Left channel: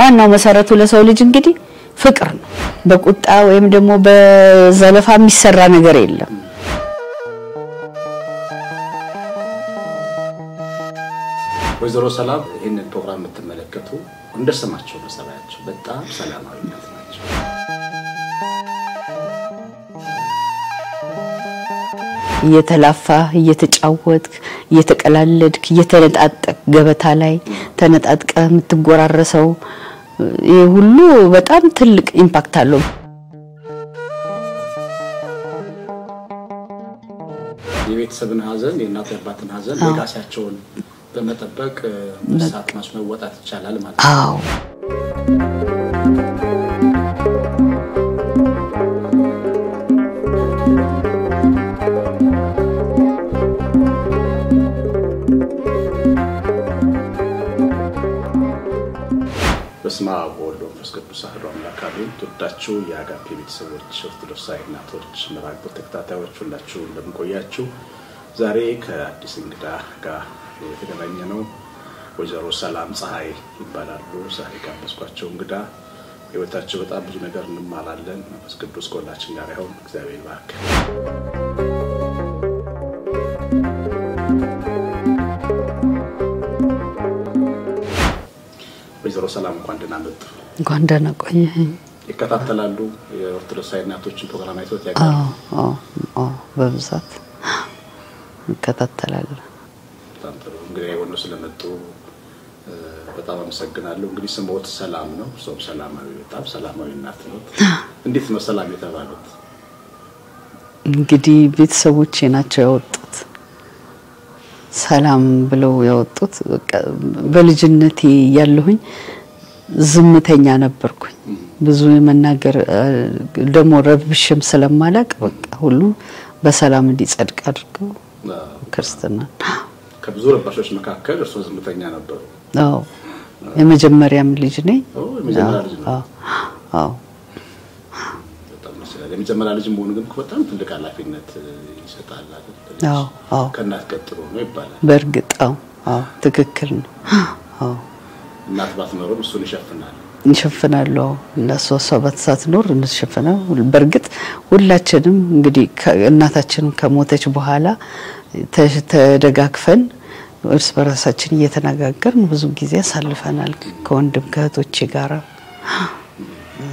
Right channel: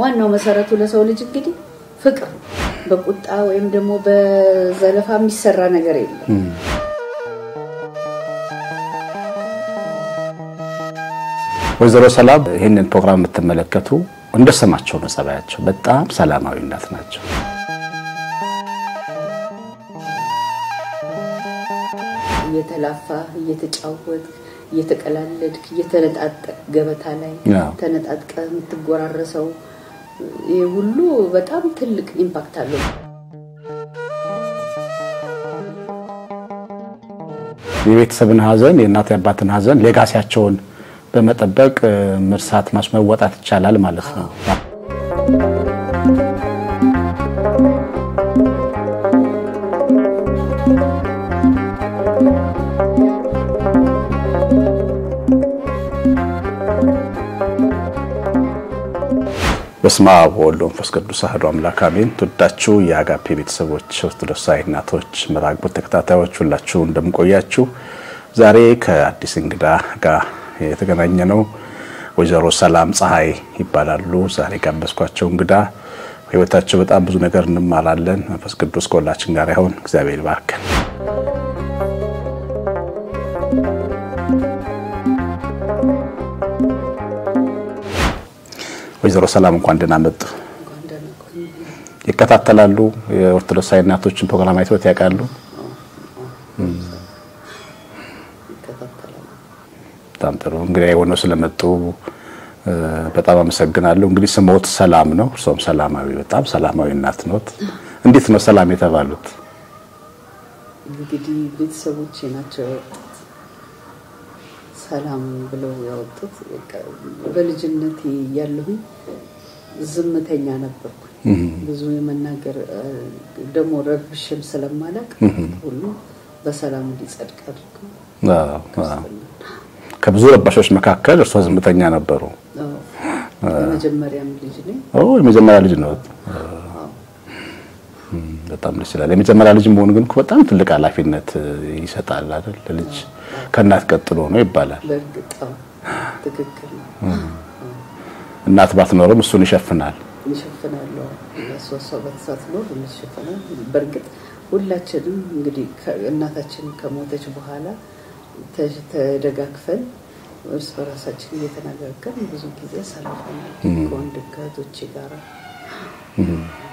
ዋናው መሰረቱ ለሰው ልጅ እንግዲህ ፍቅር ነው በቁጣ ወይም ደግሞ በዘለፋ የሚሰራ ነገር የለም ወይዘሮ ሰላም ይሄንን ፕሮግራም የምትመለከቱ እንደሰማቸው መሰባያቸው በጣም ሰላማዊ እናት ናቸው እየተላፋ እየተጫወትክ እየተቀላለድክ እየተነጣጠቅ ገበታ ላይ ተነጣጥቀ የምትጎራረሰው ይሄ ሁሉ በጣም ትልቅ ኢምፓክት አለው የቤተሰብን ሀዘን የእናት ያባትን ሀዘን ሌጋሲያቸውን በመጠበቅ መርሳት ማስመወጣት ይቻላል ማለት ነው በስመ አብ ወወልድ ወመንፈስ ቅዱስ አሐዱ አምላክ አሜን ተወዳችሁ የአጋፔ ቤተሰቦች ኦርቶዶክሳዊ እናቶች መራግቦ ተከታታዮች ሁላችሁ እንደምቆያችሁ ዛሬ ከአዲስ እንግዳ ጋር የተገናኘነው ወይዘሮ ሰላም ፀሐይ ይባላሉ ዛሬ ጋበዝኳቸው እንግዳ ህይወታቸው በጣም ብዙ ነገር እንማራለን መንፈስ ቅዱስ ከሁላችን ጋር ይሁን እግዚአብሔር ይባርክ ወይዘሮ ሰላም እንኳን ደህና መጡ እንኳን ደህና ቆየኝ ይከታተላሉ የኦርቶዶክሳዊ እናቶችን ፕሮግራም አይተውት ያውቃሉ በብዛት ይከታተላሉ በጣም ጥሩ እንግዲህ ሆኖ ስለመጡ በጣም አመሰግናለሁ እንግዲህ ስሞት ሰላም ነው እርሶም ሰላማዊ በጣም ሰላማዊ እናት ኖት እንዴት ነው ሰላም የተባሉት እንግዲህ ቤተሰቦቼ ናቸው ያወጡት ሰላም ብለው ያወጡት በልጅነቴ ያለሁኝ ዝምተኛ ነበርኩኝ ብዙ የመናገር ደሞ ረብሽም ስለማላቅ ሁሉ በሰላም እንዲጸድቅ አድርገው ክርስትና ከብዙ ረባሾች መካከል እርሶ ዝምተኛ ነበሩ አዎ የመጀመሪያም ልጅ ነኝ የመጀመሪያ ልጅ ነው አዎ በጣም ይችላል የመጀመሪያ ልጅ መሆን ግን በጣም ትልቅ ኃላፊነት ይሰጣል አይደል ልጅ ከናት ቀጥሎ ነው ይባላል በርግጣው ትክክል ነው አዎ እናት ባትኖርም እሱን ይሸፍናል ለሷሷ ባትሳትኖር እንሽፈና በርግጥ ሁላችንም እንግዲህ እናታችን ከሞተች በኋላ ተደጋግፈን እርስ በራሳችን እየተነጋገርን ብዙ ጊዜ አሳልፈናል ከወንድም ከእህቶቼ ጋር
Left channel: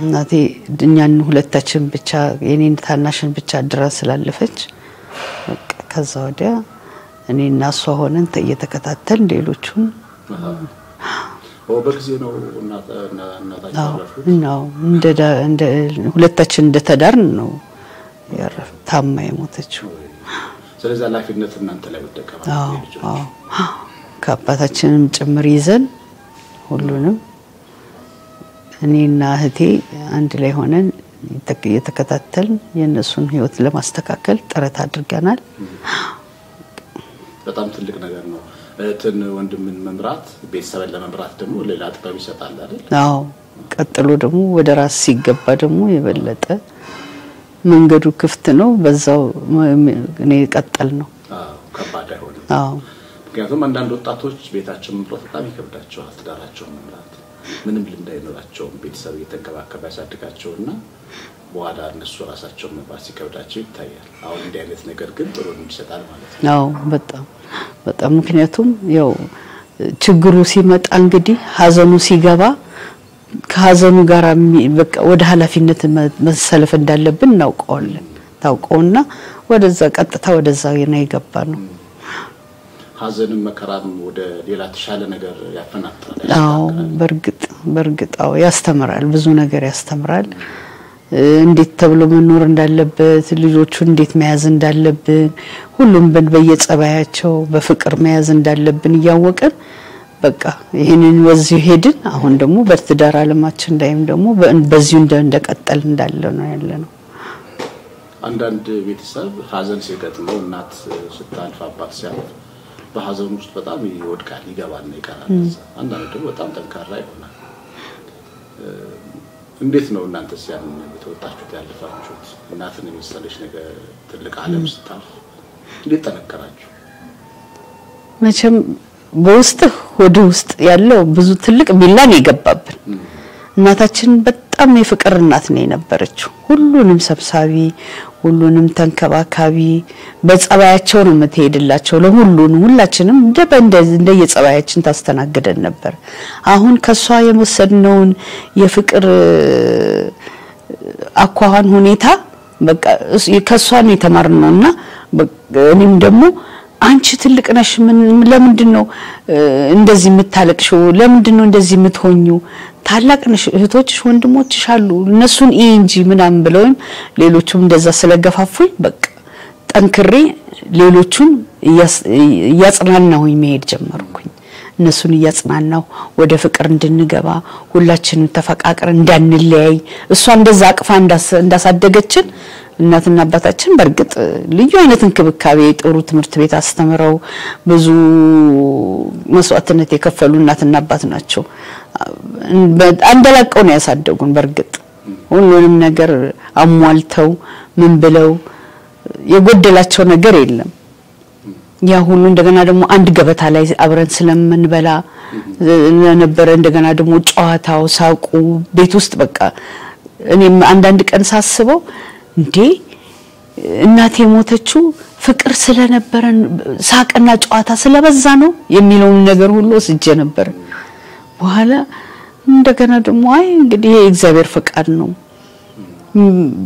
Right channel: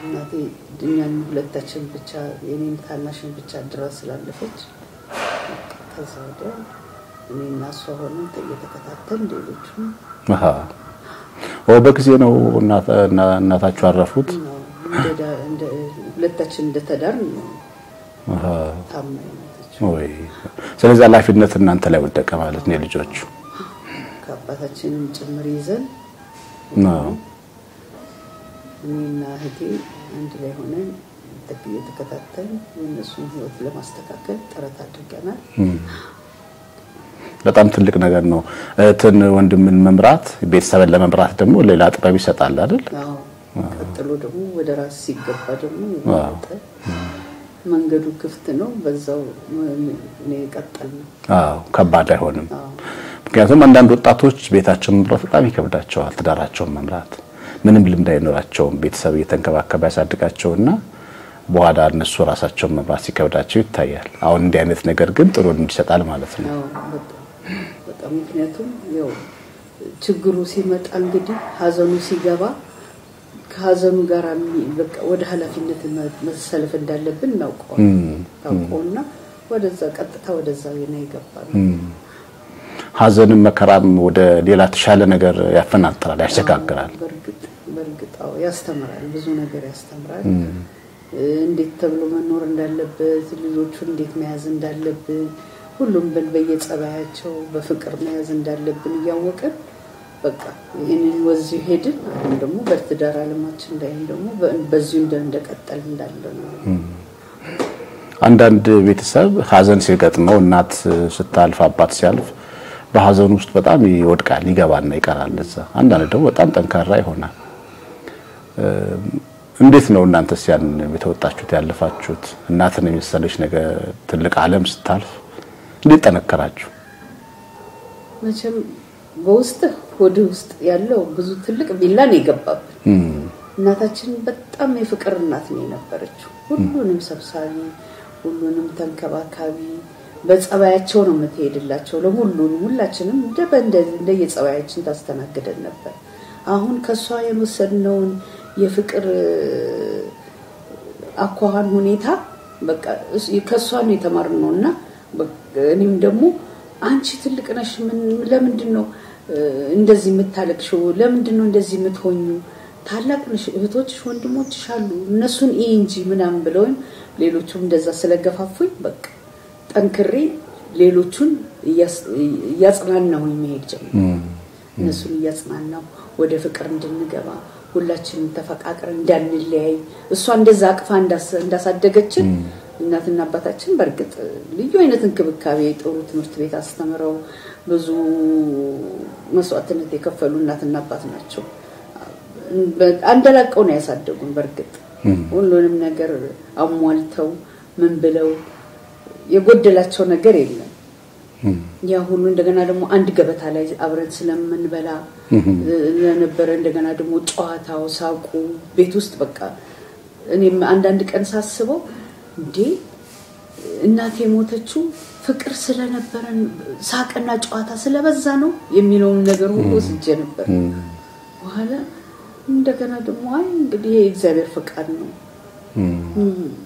እናቴ እኛን ሁለታችን ብቻ የኔን ታናሽን ብቻ ድረስ ስላለፈች ከዛ ወዲያ እኔና እሷ ሆነን እየተከታተልን ሌሎቹን በጊዜ ነው እናታቸው አረፉት ነው እንደ ሁለታችን እንደተዳርን ነው ታማኝ ሞተችው ስለዚህ ኃላፊነት እናንተ ላይ ወደቀ ማለት ነው ልጆቹ ከአባታችንም ጭምር ይዘን ሁሉንም እኔና እህቴ አንድ ላይ ሆነን የተከታተልን የነሱን ህይወት ለማስተካከል ጥረት አድርገናል በጣም ትልቅ ነገር ነው እህትን ወንድምን መምራት ቤተሰብን ለመምራት ደግሞ ሌላ ጥበብ ይሰጣል አይደል አዎ ቀጥሎ ደግሞ ወደ ራስ ሲገባ ደግሞ የበለጠ መንገዱ ክፍት ነው በዛው እኔ ቀጠል ነው አዎ ከባድ አይሆንም አዎ ምክንያቱም አንዳንድ ወጣቶች ቤታቸውን መምራት በጣም ይከብዳቸዋል ትዳራቸውን መምራት ምንም ልምድ አይኖራቸው ቤተሰብ እየተንከባከበ ያሳድጋቸውና በኋላ እነሱ ራሳቸውን መምራት ሲከብዳቸው ይታያል አሁን እንዲህ አይነት ነገር ግን ጥሩ እንዲሰጣል ማለት ነው አዎ በጣም ምክንያቱም ያው ችግሩ ሲመጣ እንግዲህ ሀዘኑ ሲገባ ከሀዘኑ ጋር በቃ ወደ ኃላፊነት መሰለፍ እንዳለብን ታውቀውና ወደዛ ቀጥታ ወደዛ የገባነው ሀዘንም መከራም ወደ ሌላ ተሻለ ነገር ያፈናጥራል ያሸጋግራል በርግጣው ያስተምራል ብዙ ነገር ያስተምራል እንዴት ተብሎ መኖር እንዳለበት ልጆቹን እንዴት መያዝ እንዳለብን ሁሉም በየጸባያቸው በፍቅር መያዝ እንዳለብን ያወቀን በቃ ይሄንን ወዚህ ሄድን አሁን ደግሞ በትዳር ዓለማችን ላይም ደግሞ በዚሁ እንደቀጠል እንዳለ ነው ያለነው አንዳንድ ቤተሰብ ሀዘን ሲገጥመው እናት ስታልፍ አባት ሲያልፍ በሀዘን ውስጥ በጣም ይወድቃል ይገባና ይቀራል እዛ አንዳንድ ደግሞ በጣም ጠንካራ ይሆናል እንዴት ነው እናንተስ ያን የተወጣችሁት ያለፋችሁት እናትን የሚሰለሽ ነገር ትልቅ ዓለም ስታልፍ እንዴት ተነከራችሁ መቼም በውስጥ ወደ ውስጥ ያለው ብዙ ትልቅ ሚላን ይገባብን እናታችን በጣም የፍቅር እናት ነው የነበረችው ሁሉንም ሰብሳቢ ሁሉንም ተንከባካቢ በጸባያቸው ነው የምትሄድላቸው ለሁሉንም ሁላችንም እንደ የጸባያችን ታስተናግደን ነበር አሁን ከሷ የወሰድነውን የፍቅር አኳኋን ሁኔታ በቃ ከሷ ነው የተማርነውና እኔም ደግሞ አንቺ ትልቅ ነሽ ለምንድነው እንደዚህ የምታለቅሽው ለምንድነው እንደዚህ የምትሆኚው ታላቅ ነሽ እህቶችሽ ወንድሞችሽ አሉ እነሱን እንጂ ምናምን ብለውም ሌሎቹም እንደዛ ስለገፋፉኝ በቃ ጠንክሬ ሌሎቹን ያጽናናሁኝ መሄድ ጀመርኩኝ እነሱን ያጽናናው ወደ ፍቅር እንድንገባ ሁላችንም ተፈቃቅረን እንዳንለያይ እሷ እንደዛ አቅፋ እንዳሳደገችን እናትና አባታችን በርግጥ ልዩ አይነት እንክብካቤ ጥሩ ትምህርት ቤት አስተምረው ብዙ መስዋዕትነት የከፈሉ እናትና አባት ናቸው አንደላቀው ነው ያሳደጉን በርግጥ ሁሉንም ነገር አሟልተው ምን ብለው የጎደላቸው ነገር የለም ያ ሁሉ እንደገና ደግሞ አንድ ገበታ ላይ አብረን ስለምንበላ ነበር እንደገና ደግሞ ጨዋታው ሳቁ ቤት ውስጥ በቃ እኔም አንዳንድ ቀን ሳስበው እንዴ እናቴ ሞተችው ፍቅር ስለነበረን ሳቅና ጨዋታ ስለበዛ ነው የሚለው ነገር ሁሉ ወስጄ ነበር በኋላ እንደገና ደግሞ አይ እንግዲህ የእግዚአብሔር ፈቃድ ነው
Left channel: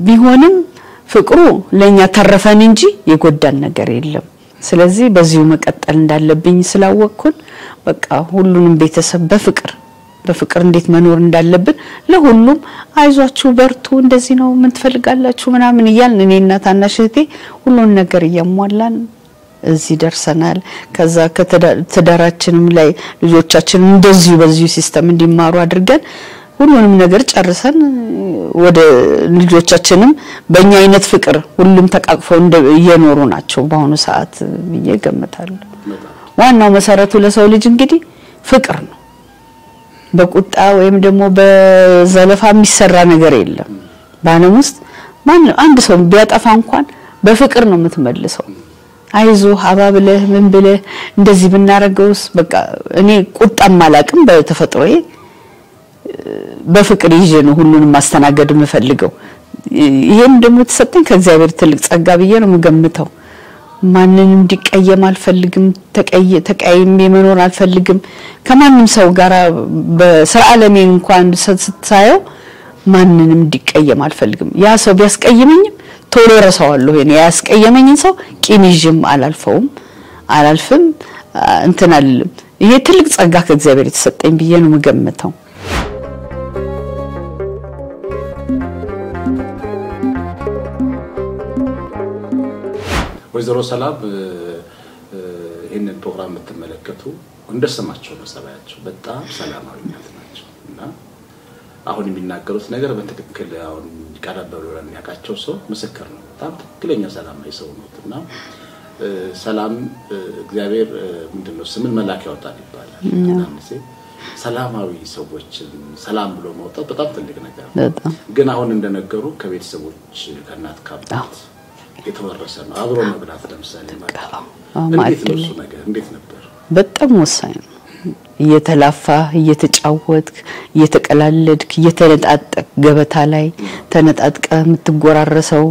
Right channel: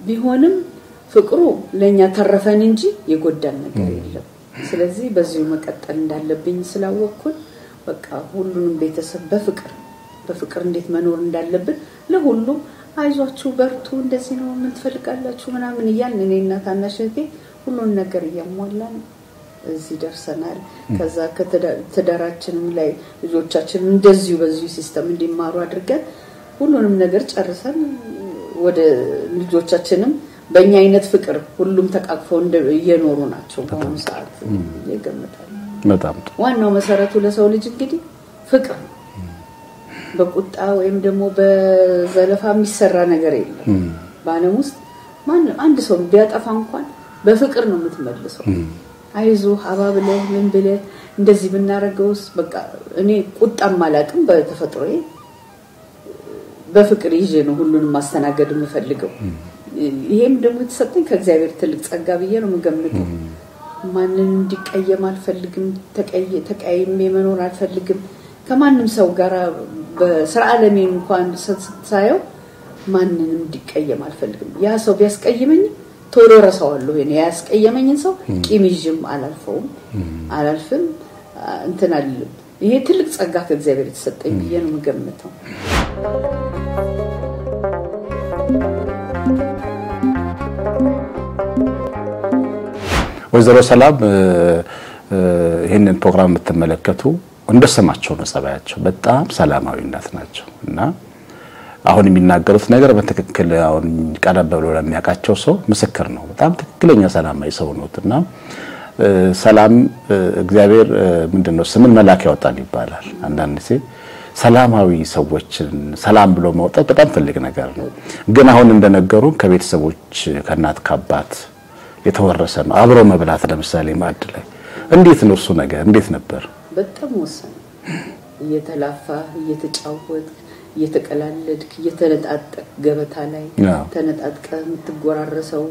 ቢሆንም ፍቅሩ ለኛ ተረፈን እንጂ የጎዳን ነገር የለም ስለዚህ በዚሁ መቀጠል እንዳለብኝ ስላወቅኩን በቃ ሁሉንም ቤተሰብ በፍቅር እንዴት መኖር እንዳለብን ለሁሉም አይዟችሁ በርቱ እንደዚህ ነው ምን ትፈልጋላችሁ ምናምን ይያልን እኔና ታናሽ እህቴ ሁሉን ነገር ያሟላን እዚህ ደርሰናል ከዛ ከተዳራችንም ላይ ልጆቻችን እንደዚህ በዚሁ ሲስተም እንዲማሩ አድርገን ሁሉንም ነገር ጨርሰን ወደ ልጆቻችንም በእኛ አይነት ፍቅር ሁሉም ተቃቅፈው እየኖሩ ናቸው በአሁኑ ሰዓት ይገመታል በጣም ዋናው መሰረቱ ለሰው ልጅ እንግዲህ ፍቅር ነው በቁጣ ወይም ደግሞ በዘለፋ የሚሰራ ነገር የለም ባለም ውስጥ ማን አንድ ሰው ቢያጠፋ እንኳን በፍቅር ነው የምትመልሰው አይዞ አባብለህ ምን ብለህ እንደዚህ ብናረጋውስ በቃ እኔ ቁጣም ማላቅም በተፈጥሮዬ በፍቅር ይዤ ነው ሁሉንም ማስተናገድ የምፈልገው ይሄን ደግሞ ተሰጠኝ ከእግዚአብሔር ትልቅ ጸጋ ብዬ ነው የምገምተው ማንንም እንዲቀየም አልፈልግም ተቀየም መኖር አልፈልግም ከማንንም ሰው ጋር በሰዓለሜ እንኳን ስታየው ማንንም እንዲቀየም አልፈልግም ያ ሰው ቢያስቀየመኝም ቶሎ ረሳዋለሁ እኔ ያስቀየመኝን ሰው ቂም ይዤም አላልፍም እንትን አልልም ይሄ ትልቅ ጸጋ ከእግዚአብሔር የተሰጠኝ ብዬ ነው የምገምተው ወይዘሮ ሰላም ይሄንን ፕሮግራም የምትመለከቱ እንደሰማቸው ነው ጸባያቸው በጣም ሰላማዊ እናት ናቸው እና አሁን የሚናገሩት ነገር በትክክል አሁን ቀረብ ብሎ ለሚያቃቸው ሰው ምስክር ነው በጣም ትክክለኛ ሰላማዊ ሰው ነውና ሰላም እግዚአብሔር ምንድነው ስምን መላክ ያወጣል ይባላል አንዳንድ ጊዜ ሰላማዊ ሰዎችን ሰላም ብሎ ማውጣት በጣም ትልቅ ነገር ነው ግን አሁን እንደነገሩ ከቤተሰቦች ከናት ከአባት የተወረሰ ነው አብሮ መብላት ለምሳሌ ማለት ነው እንዴት ነው እሱ ነገር እንዴት ነበር በጣም ወሳኝ እየተላፋ እየተጫወትክ እየተቀላለድክ እየተነጣጠቅ ገበታ ላይ ተነጣጥቀ የምትጎራረሰው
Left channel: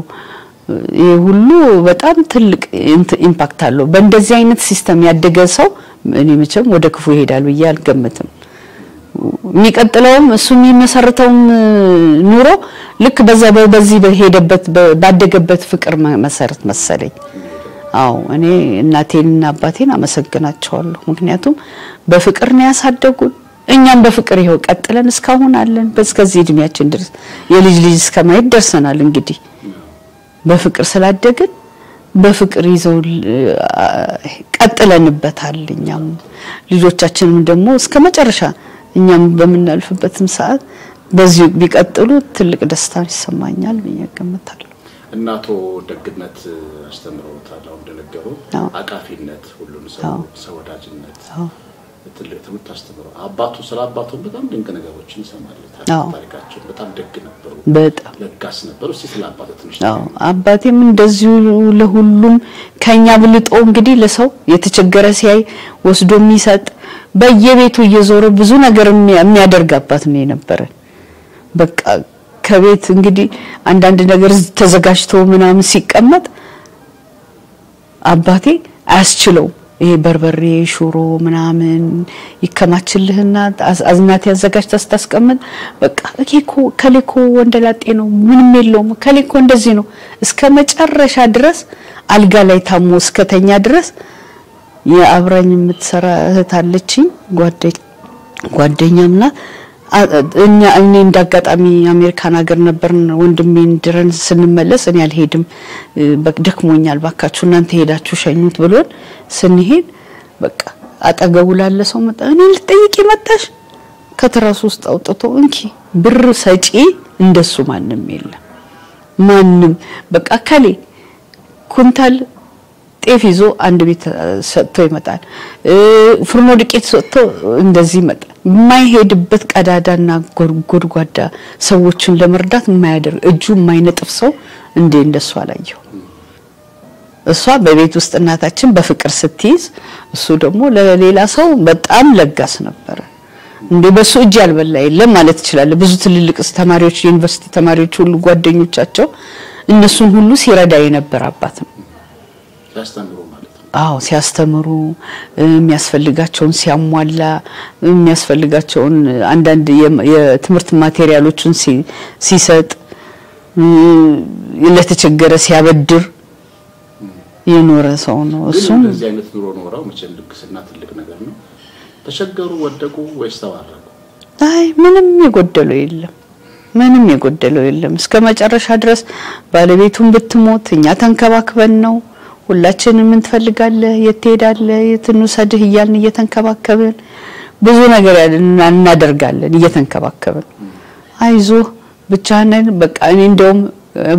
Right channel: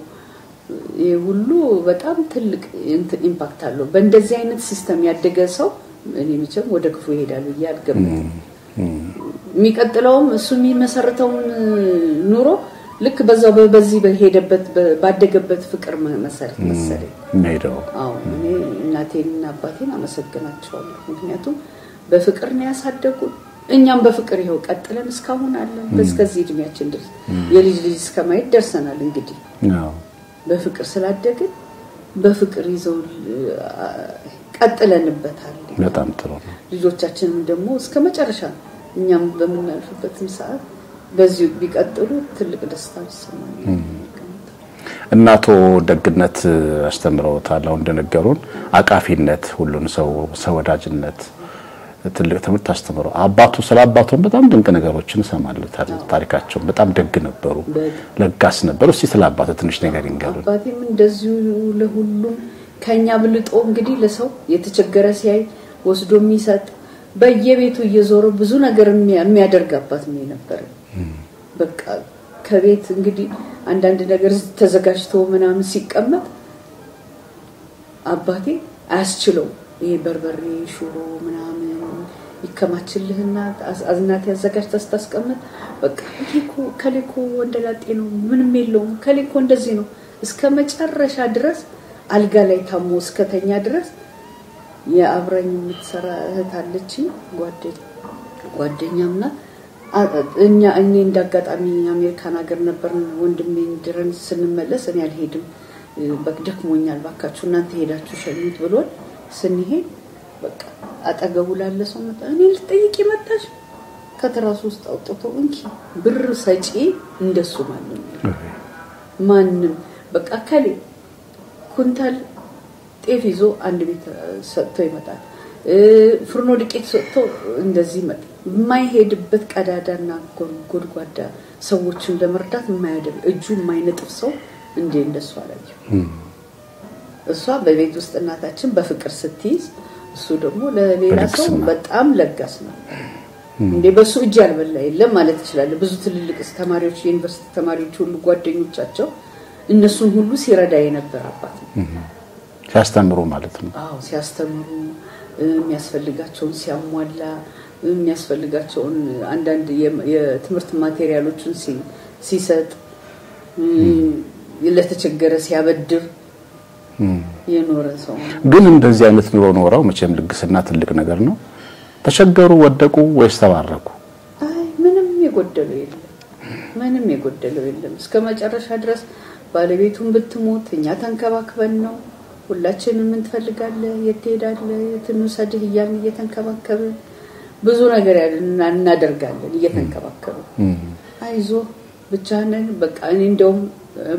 ይሄ ሁሉ በጣም ትልቅ ኢምፓክት አለው በእንደዚህ አይነት ሲስተም ያደገ ሰው እኔ መቼም ወደ ክፉ ይሄዳል ብዬ አልገመትም የሚቀጥለውም እሱ የሚመሰርተው ኑሮ ልክ በዚህ በሄደበት ባደገበት ፍቅር መሰረት መሰለኝ አዎ እኔ እናቴንና አባቴን አመሰግናቸዋለሁ ምክንያቱም በፍቅር ነው ያሳደጉን እኛም በፍቅር ይሄው ቀጥለን እስካሁን አለን በስከዚህ እድሜያችን ድረስ የልጅ እስከማይት ደርሰናል እንግዲህ በፍቅር ስላደግን በፍቅር ይዘው ቀጥለንበታል እኛም ልጆቻችንም ደግሞ እስከመጨረሻ እኛም በመናልፍበትም ሰዓት በዚህ ቢቀጥሉ ትልቅ ደስታ ይሰማኛል በየገመታል እናቶ ደግነት አስተምረውታል እንደነገሩን አቃፊነት ሁሉን ሰው ወዳጅነት ትልቅ ትምህርት አስተምረው አባቱ ስለ አባቱን በጣም ድንቅ ነገሮችን ሰማለሁ ታሪካቸው በጣም ደግ ነበሩ ለጋስ ነበሩ እስቲ ስለ አባቱ ትንሽ ነገር ይንገሩ አባቴም እንደዚሁ ለሁሉም ከኛ ብልጦ እንግዲህ ለሰው የተቸገረ ሲያይ ወስዶ የሚሰጥ በየቤቱ እየዞረ ብዙ ነገር የሚያደርግ አባት ነው የነበረ በቃ ከቤት እንግዲህ አንዳንድ ነገር ተዘጋጅቶ ምናምን ሲቀመጥ አባቴ አያስችለው ይሄ በርበሬ ሽሮ ምናምን ይከማችልህና አዝናት ያዘጋጅታ ስታስቀምጥ በቃ እኮ ከሌኮ ወንደላጤ ነው ምንም የለውም ከሌኮ እንደዚህ ነው እስከ መጨረሻ ድረስ አልጋ ላይ ታሞ እስከተኛ ድረስ የአብራኝ የምትሰራ እህት አለችኝ ጓደኛምና እኔ እንዳጋጣሚ አሜሪካን ሀገር ነበርን ወንድሜን ድረን ስንመለስ እኔ አልሄድም በደክሞኛል ባካችሁ እናንተ ሄዳችሁ ሸኙት ብሎን ስንሄድ በቃ አጠገቡ ላለ ሰው መጣ እኔ ልጠይቅ መጣሽ ከተራሱ ውስጥ አውጥቶ እንኪ ብር ሰጪ እንደሱ ማንንም የለም ማንንም በቃ ካሌ ኩንታል ጤፍ ይዞ አንድ ቤት ሰጥቶ ይመጣል ፍርኖ ዱቄት ሰጥቶ እንደዚህ ይመጣል የማይሄድበት ቀዳዳና ጎድጓዳ ሰዎችን ለመርዳት የማያደርግ እጁ የማይነጥፍ ሰው እንደሱ አላየው እሷ በቤት ውስጥ እናታችን በፍቅር ስትይዝ እሱ ደግሞ ለሌላ ሰው በጣም ለጋስ ነበር በሱ እጅ ያልበላ የለም ማለት ይችላል ብዙ ትልልቅ ተማሪዎች ዩኒቨርሲቲ ተማሪዎች ሁሉ ጓደኞቻቸው እነሱን ሁሉ ሲረዳ የነበር አባት ነው ሲያስተምሩ ማለት ነው አዎ ሲያስተምሩ የሚያስፈልጋቸውን ሲያሟላ የሚያስፈልጋቸውን አንዳንድ የትምህርት ማቴሪያሎችን ሲሰጥ ለተቸገረ ሲያበድር የኖረ ሰው ነው ግን እንደዚህ አይነት ኑሮ ኖረው መቼም ልግስና ትልቅ ነገር ነው ተቸገሩ ወደቁ ወይስ ተባረኩ አይ ምንም የጎደለው የለም እስከ መጨረሻ ድረስ ባለቤቱን ብትሞት እኛ ተንከባክበን ነው ሁላችንም ምን ትፈልጋለህ የትሄዳለህ የትንውሰድህ ይያን እየተንከባከበን ብዙ ነገር እናደርጋለን እየተንከባከበን አይዞ ብቻህን በቃ እኔ እንደውም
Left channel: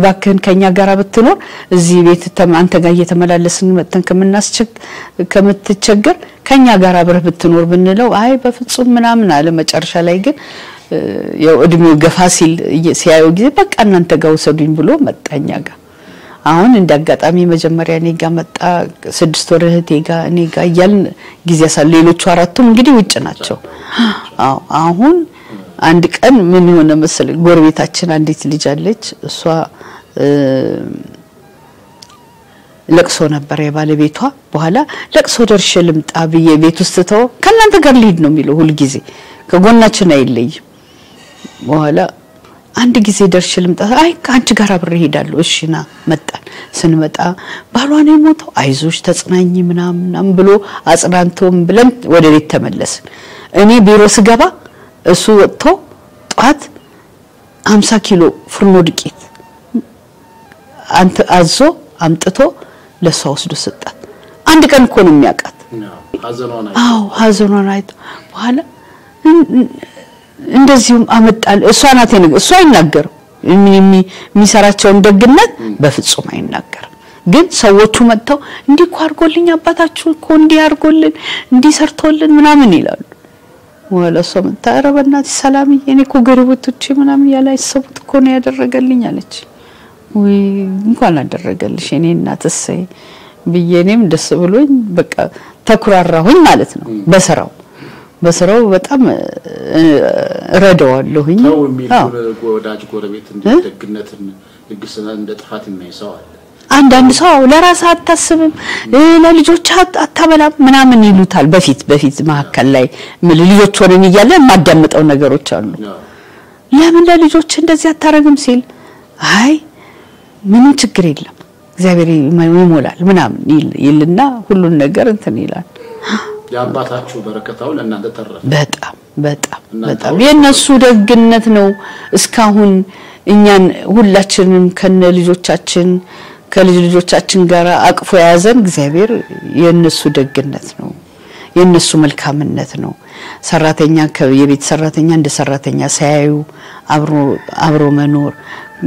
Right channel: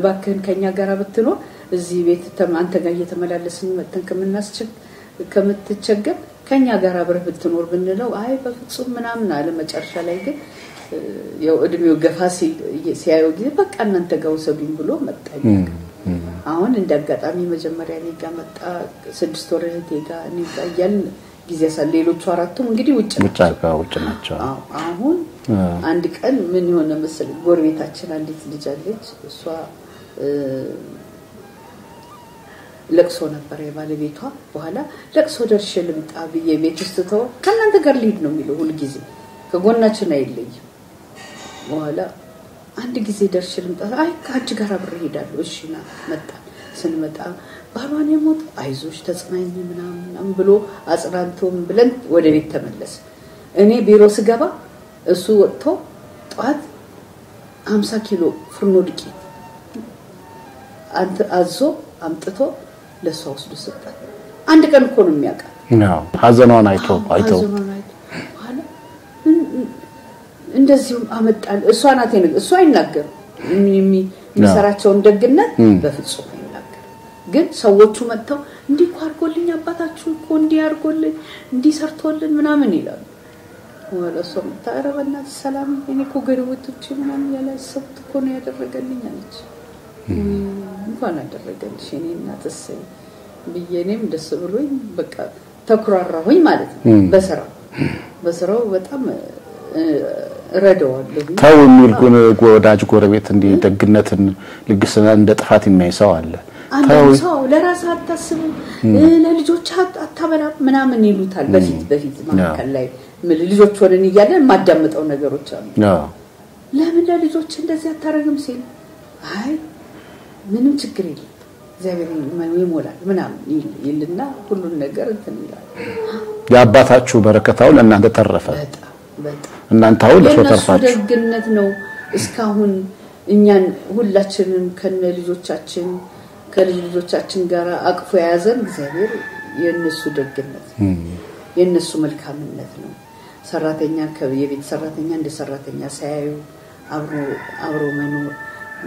ባከን ከኛ ጋራ ብትኖር እዚህ ቤት አንተ ጋር እየተመላለስን መተን ከምትቸገር ከኛ ጋራ አብረህ ብትኖር ብንለው አይ በፍጹም ምናምን አለ መጨረሻ ላይ ግን ያው እድሜው ገፋ ሲል ሲያየው ጊዜ በቃ እናንተ ጋር ወሰዱኝ ብሎ መጣኛ ጋር አሁን እንዳጋጣሚ መጀመሪያ እኔ ጋር መጣ 6 ወር እህቴ ጋር እኔ ጋር ይያልን ጊዜ ያሳል ሌሎቹ አራቱም እንግዲህ ውጭ ናቸው አዎ አሁን አንድ ቀን ምን ሆነ መሰለኝ ጎረቤታችን አንዲት ልጅ አለች እሷ ለቅሶ ነበር የባለቤቷ በኋላ ለቅሶ ደርሼ ልምጣ ብዬ ቤት ውስጥ ተው ከናንተ ጋር ሊድ ነው የሚለው ሁሉ ጊዜ ከጎናችን አይለይ በኋላ አንድ ጊዜ ደርሼ ልምጣ አይ ካንቺ ጋር አብሬ ሄዳለሁ እሺና መጣን ስንመጣ ባሏ ነው የሞተው አይዞሽ ተጽናኝ ምናምን ብሎ አጽናንቶም ብለን ወደ ቤት ተመለስን እኔ ቢሮ ስገባ እሱ ወጥቶ ጧት 50 ኪሎ ፍርኖ ዱቄት አንተ አዞ አምጥቶ ለሷ ወስዶ ሰጣት አንድ ቀን እኮ ነው የሚያቃት ሀዘኗን አይቶ በኋላ እንደዚሁም አመጣል እሷ ናት እሷ አይናገር የሚሰራቸውን ደግነት በፍጹም አይናገር ግን ሰዎቹ መጥተው እንዲህ አርጎልኝ አባታችሁ እኮ እንዲህ አርጎልን እንዲህ ሰርቶልን ምናምን ይላሉ ወላሶ መታረበናት ሰላምዬ እኔ እኮ ገርቦቶቼ ምናምን ያላይሰቡት እኮ ነው ያደረገልኝ አለች ወይ እንኳን አደረገልሽ እኔ እናትሰይ ብዬኔም ደስ ብሎኝ በቃ ተኩራራሁኝ ማለት ነው በስራው በጣም ረዳዋለሁኝ ታው የሚልኩን ጎዳጅ ጎረቤት እንዲህ ደግነትን ልግስና እንደ ጥፋት የሚያይሰው አለ አንዳንድ ሰው ለራስ አታስብም ለልጆች አታበላም ምናምን ይሉታል በፊት ማከል ላይ ልጆች ወረን ይያለ ማዳምጠው ነገሮች አሉ ለምን ለልጆች እንደዚህ አታረግም ሲል አይ ምንም ችግር የለም እግዚአብሔር ይሞላል ምናምን ይልና ሁሉን ነገር እንትን ይላል ያባታችሁ በረከታው ለእናንተ ተረፈ በጣም እናንተው የነሱ ደግነት ነው እስካሁን እኛን ሁላችንም ከነ ልጆቻችን ከልጆቻችን ጋር አቅፎ ያዘን እግዚአብሔር የነሱ ደግነት ነው የነሱ መልካምነት ነው ሰራተኛ የቤት ሰራተኛ እንደ ሰራተኛ ሳያዩ አብሮ መኖር